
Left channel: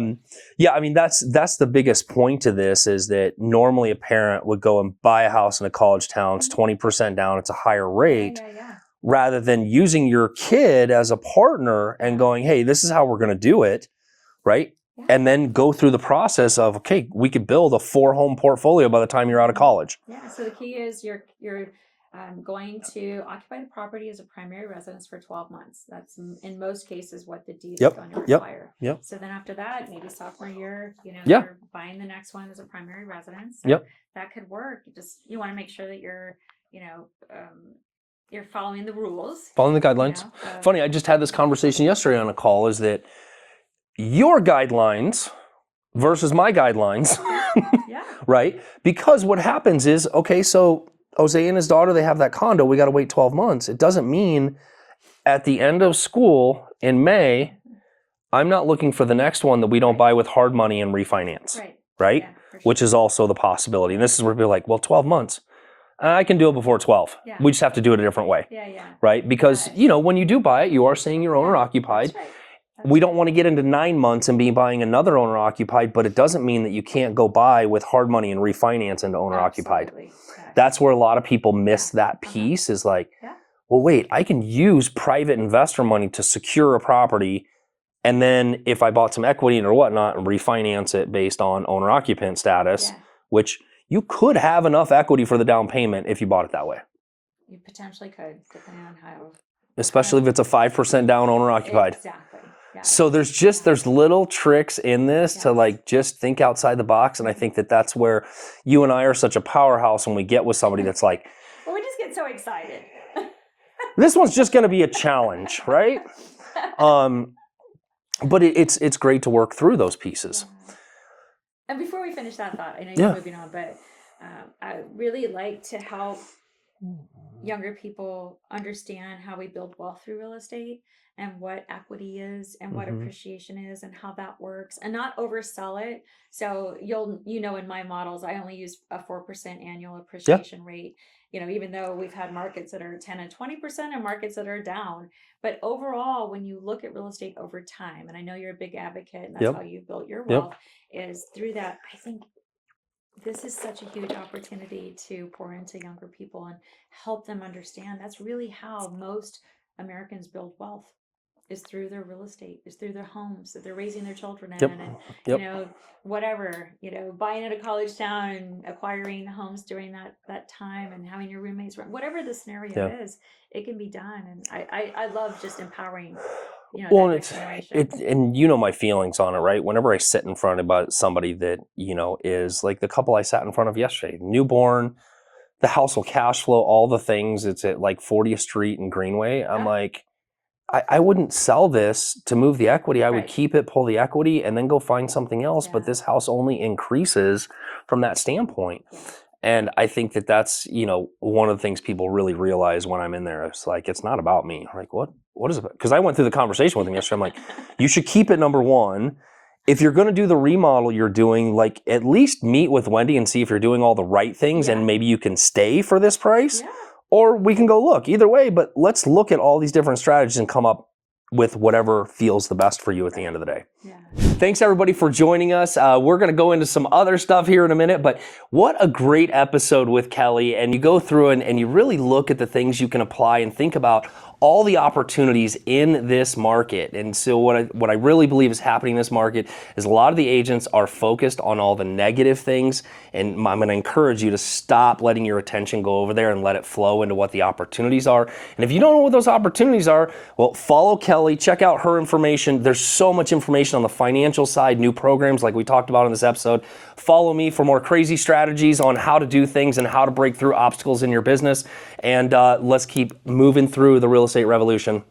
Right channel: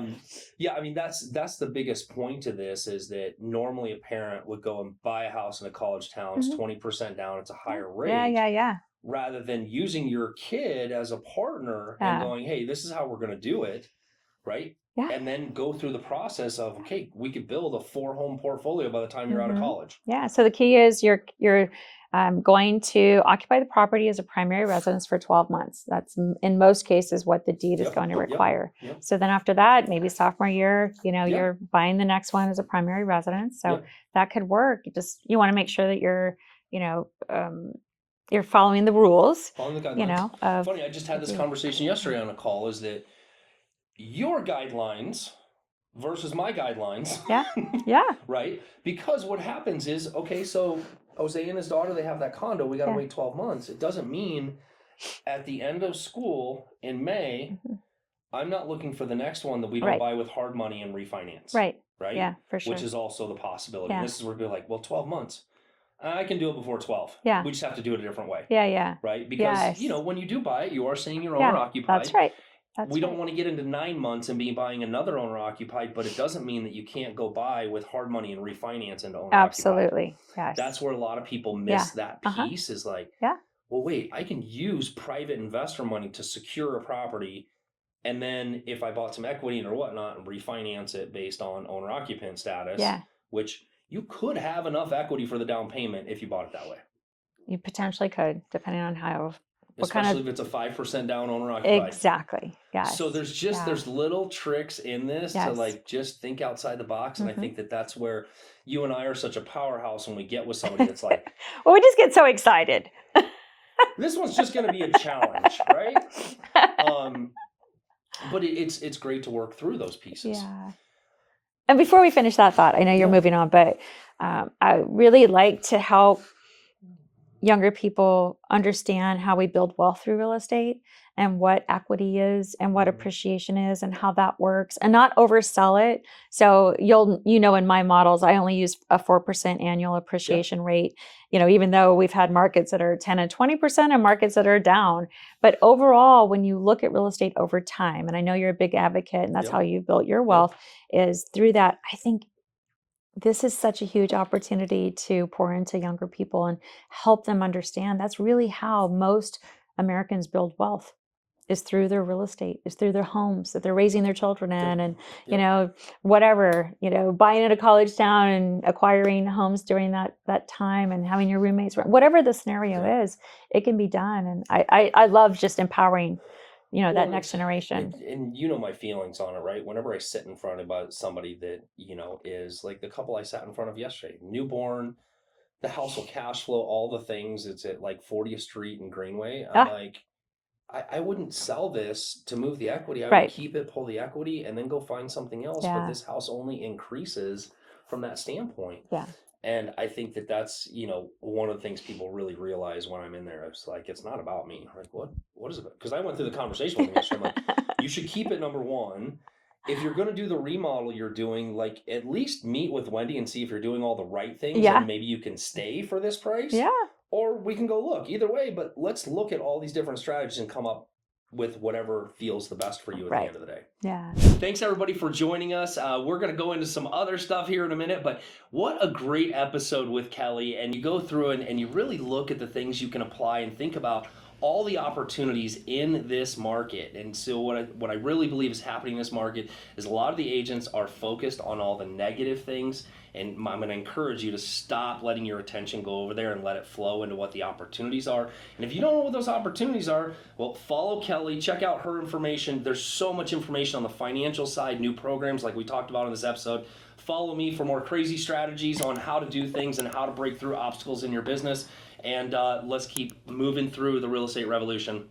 mean, that's the biggest point to this is that normally a parent would go and buy a house in a college town. It's 20% down. It's a higher rate. Yeah. Rather than using your kid as a partner and going, hey, this is how we're going to do it, right? Yeah. And then go through the process of, okay, we could build a 4-home portfolio by the time you're out of college. Yeah. So the key is you're going to occupy the property as a primary residence for 12 months. That's in most cases what the deed is going to require. Yep. So then after that, maybe sophomore year, you're buying the next one as a primary residence. So that could work. You want to make sure that you're following the rules. Following the guidelines. Funny, I just had this conversation yesterday on a call, is that your guidelines versus my guidelines. Yeah. Right? Because what happens is, okay, so Jose and his daughter, they have that condo. We got to wait 12 months. It doesn't mean at the end of school in May, I'm not looking for the next one that we don't buy with hard money and refinance. Right? Yeah, for sure. Which is also the possibility. And this is where people are like, well, 12 months. I can do it before 12. Yeah. We just have to do it a different way. Yeah. Right? Because, when you do buy it, you are saying you're owner occupied. That's right. We don't want to get into 9 months and be buying another owner occupied, but it doesn't mean that you can't go buy with hard money and refinance into owner occupied. Absolutely. Yes. That's where a lot of people miss that piece is like, well, wait, I can use private investor money to secure a property. And then if I bought some equity or whatnot and refinance it based on owner occupant status, which you could have enough equity for the down payment if you bought it that way. You potentially could, depending on how. Especially if it's a 5% down owner occupied. Exactly. Yeah. So there's little tricks in this to just think outside the box. And I think that's where you and I are such a powerhouse when we get with somebody that's like, well, we just get so excited. This one's just going to be a challenge, right? But it's great to work through those pieces. Yeah. And before we finish that thought, I know you're moving on, but I really like to help younger people understand how we build wealth through real estate and what equity is and what appreciation is and how that works, and not oversell it. So in my models, I only use a 4% annual appreciation rate, even though we've had markets that are 10 and 20% and markets that are down. But overall, when you look at real estate over time, and I know you're a big advocate and that's how you built your wealth, is through that. I think this is such a huge opportunity to pour into younger people and help them understand that's really how most Americans build wealth, is through their real estate, is through their homes that they're raising their children in, and buying in a college town and acquiring homes during that time and having your roommates, whatever the scenario is, it can be done. And I love just empowering that next generation. And my feelings on it, right? Whenever I sit in front of somebody that, is like the couple I sat in front of yesterday, newborn, the house will cash flow, all the things. It's at like 40th Street and Greenway. I'm like, I wouldn't sell this to move the equity. I would keep it, pull the equity, and then go find something else. But this house only increases from that standpoint. Yeah. And I think that's, one of the things people really realize when I'm in there. It's like, it's not about me. I'm like, what is it? Because I went through the conversation with him yesterday. I'm like, you should keep it number one. If you're going to do the remodel you're doing, like at least meet with Wendy and see if you're doing all the right things and maybe you can stay for this price. Yeah. Or we can go look either way, but let's look at all these different strategies and come up with whatever feels the best for you at the end of the day. Yeah. Thanks everybody for joining us. We're going to go into some other stuff here in a minute, but what a great episode with Kelly. And you go through and you really look at the things you can apply and think about all the opportunities in this market. And so what I really believe is happening in this market is a lot of the agents are focused on all the negative things, and I'm going to encourage you to stop letting your attention go over there and let it flow into what the opportunities are. And if you don't know what those opportunities are, well, follow Kelly, check out her information. There's so much information on the financial side, new programs like we talked about in this episode. Follow me for more crazy strategies on how to do things and how to break through obstacles in your business. And let's keep moving through the real estate revolution.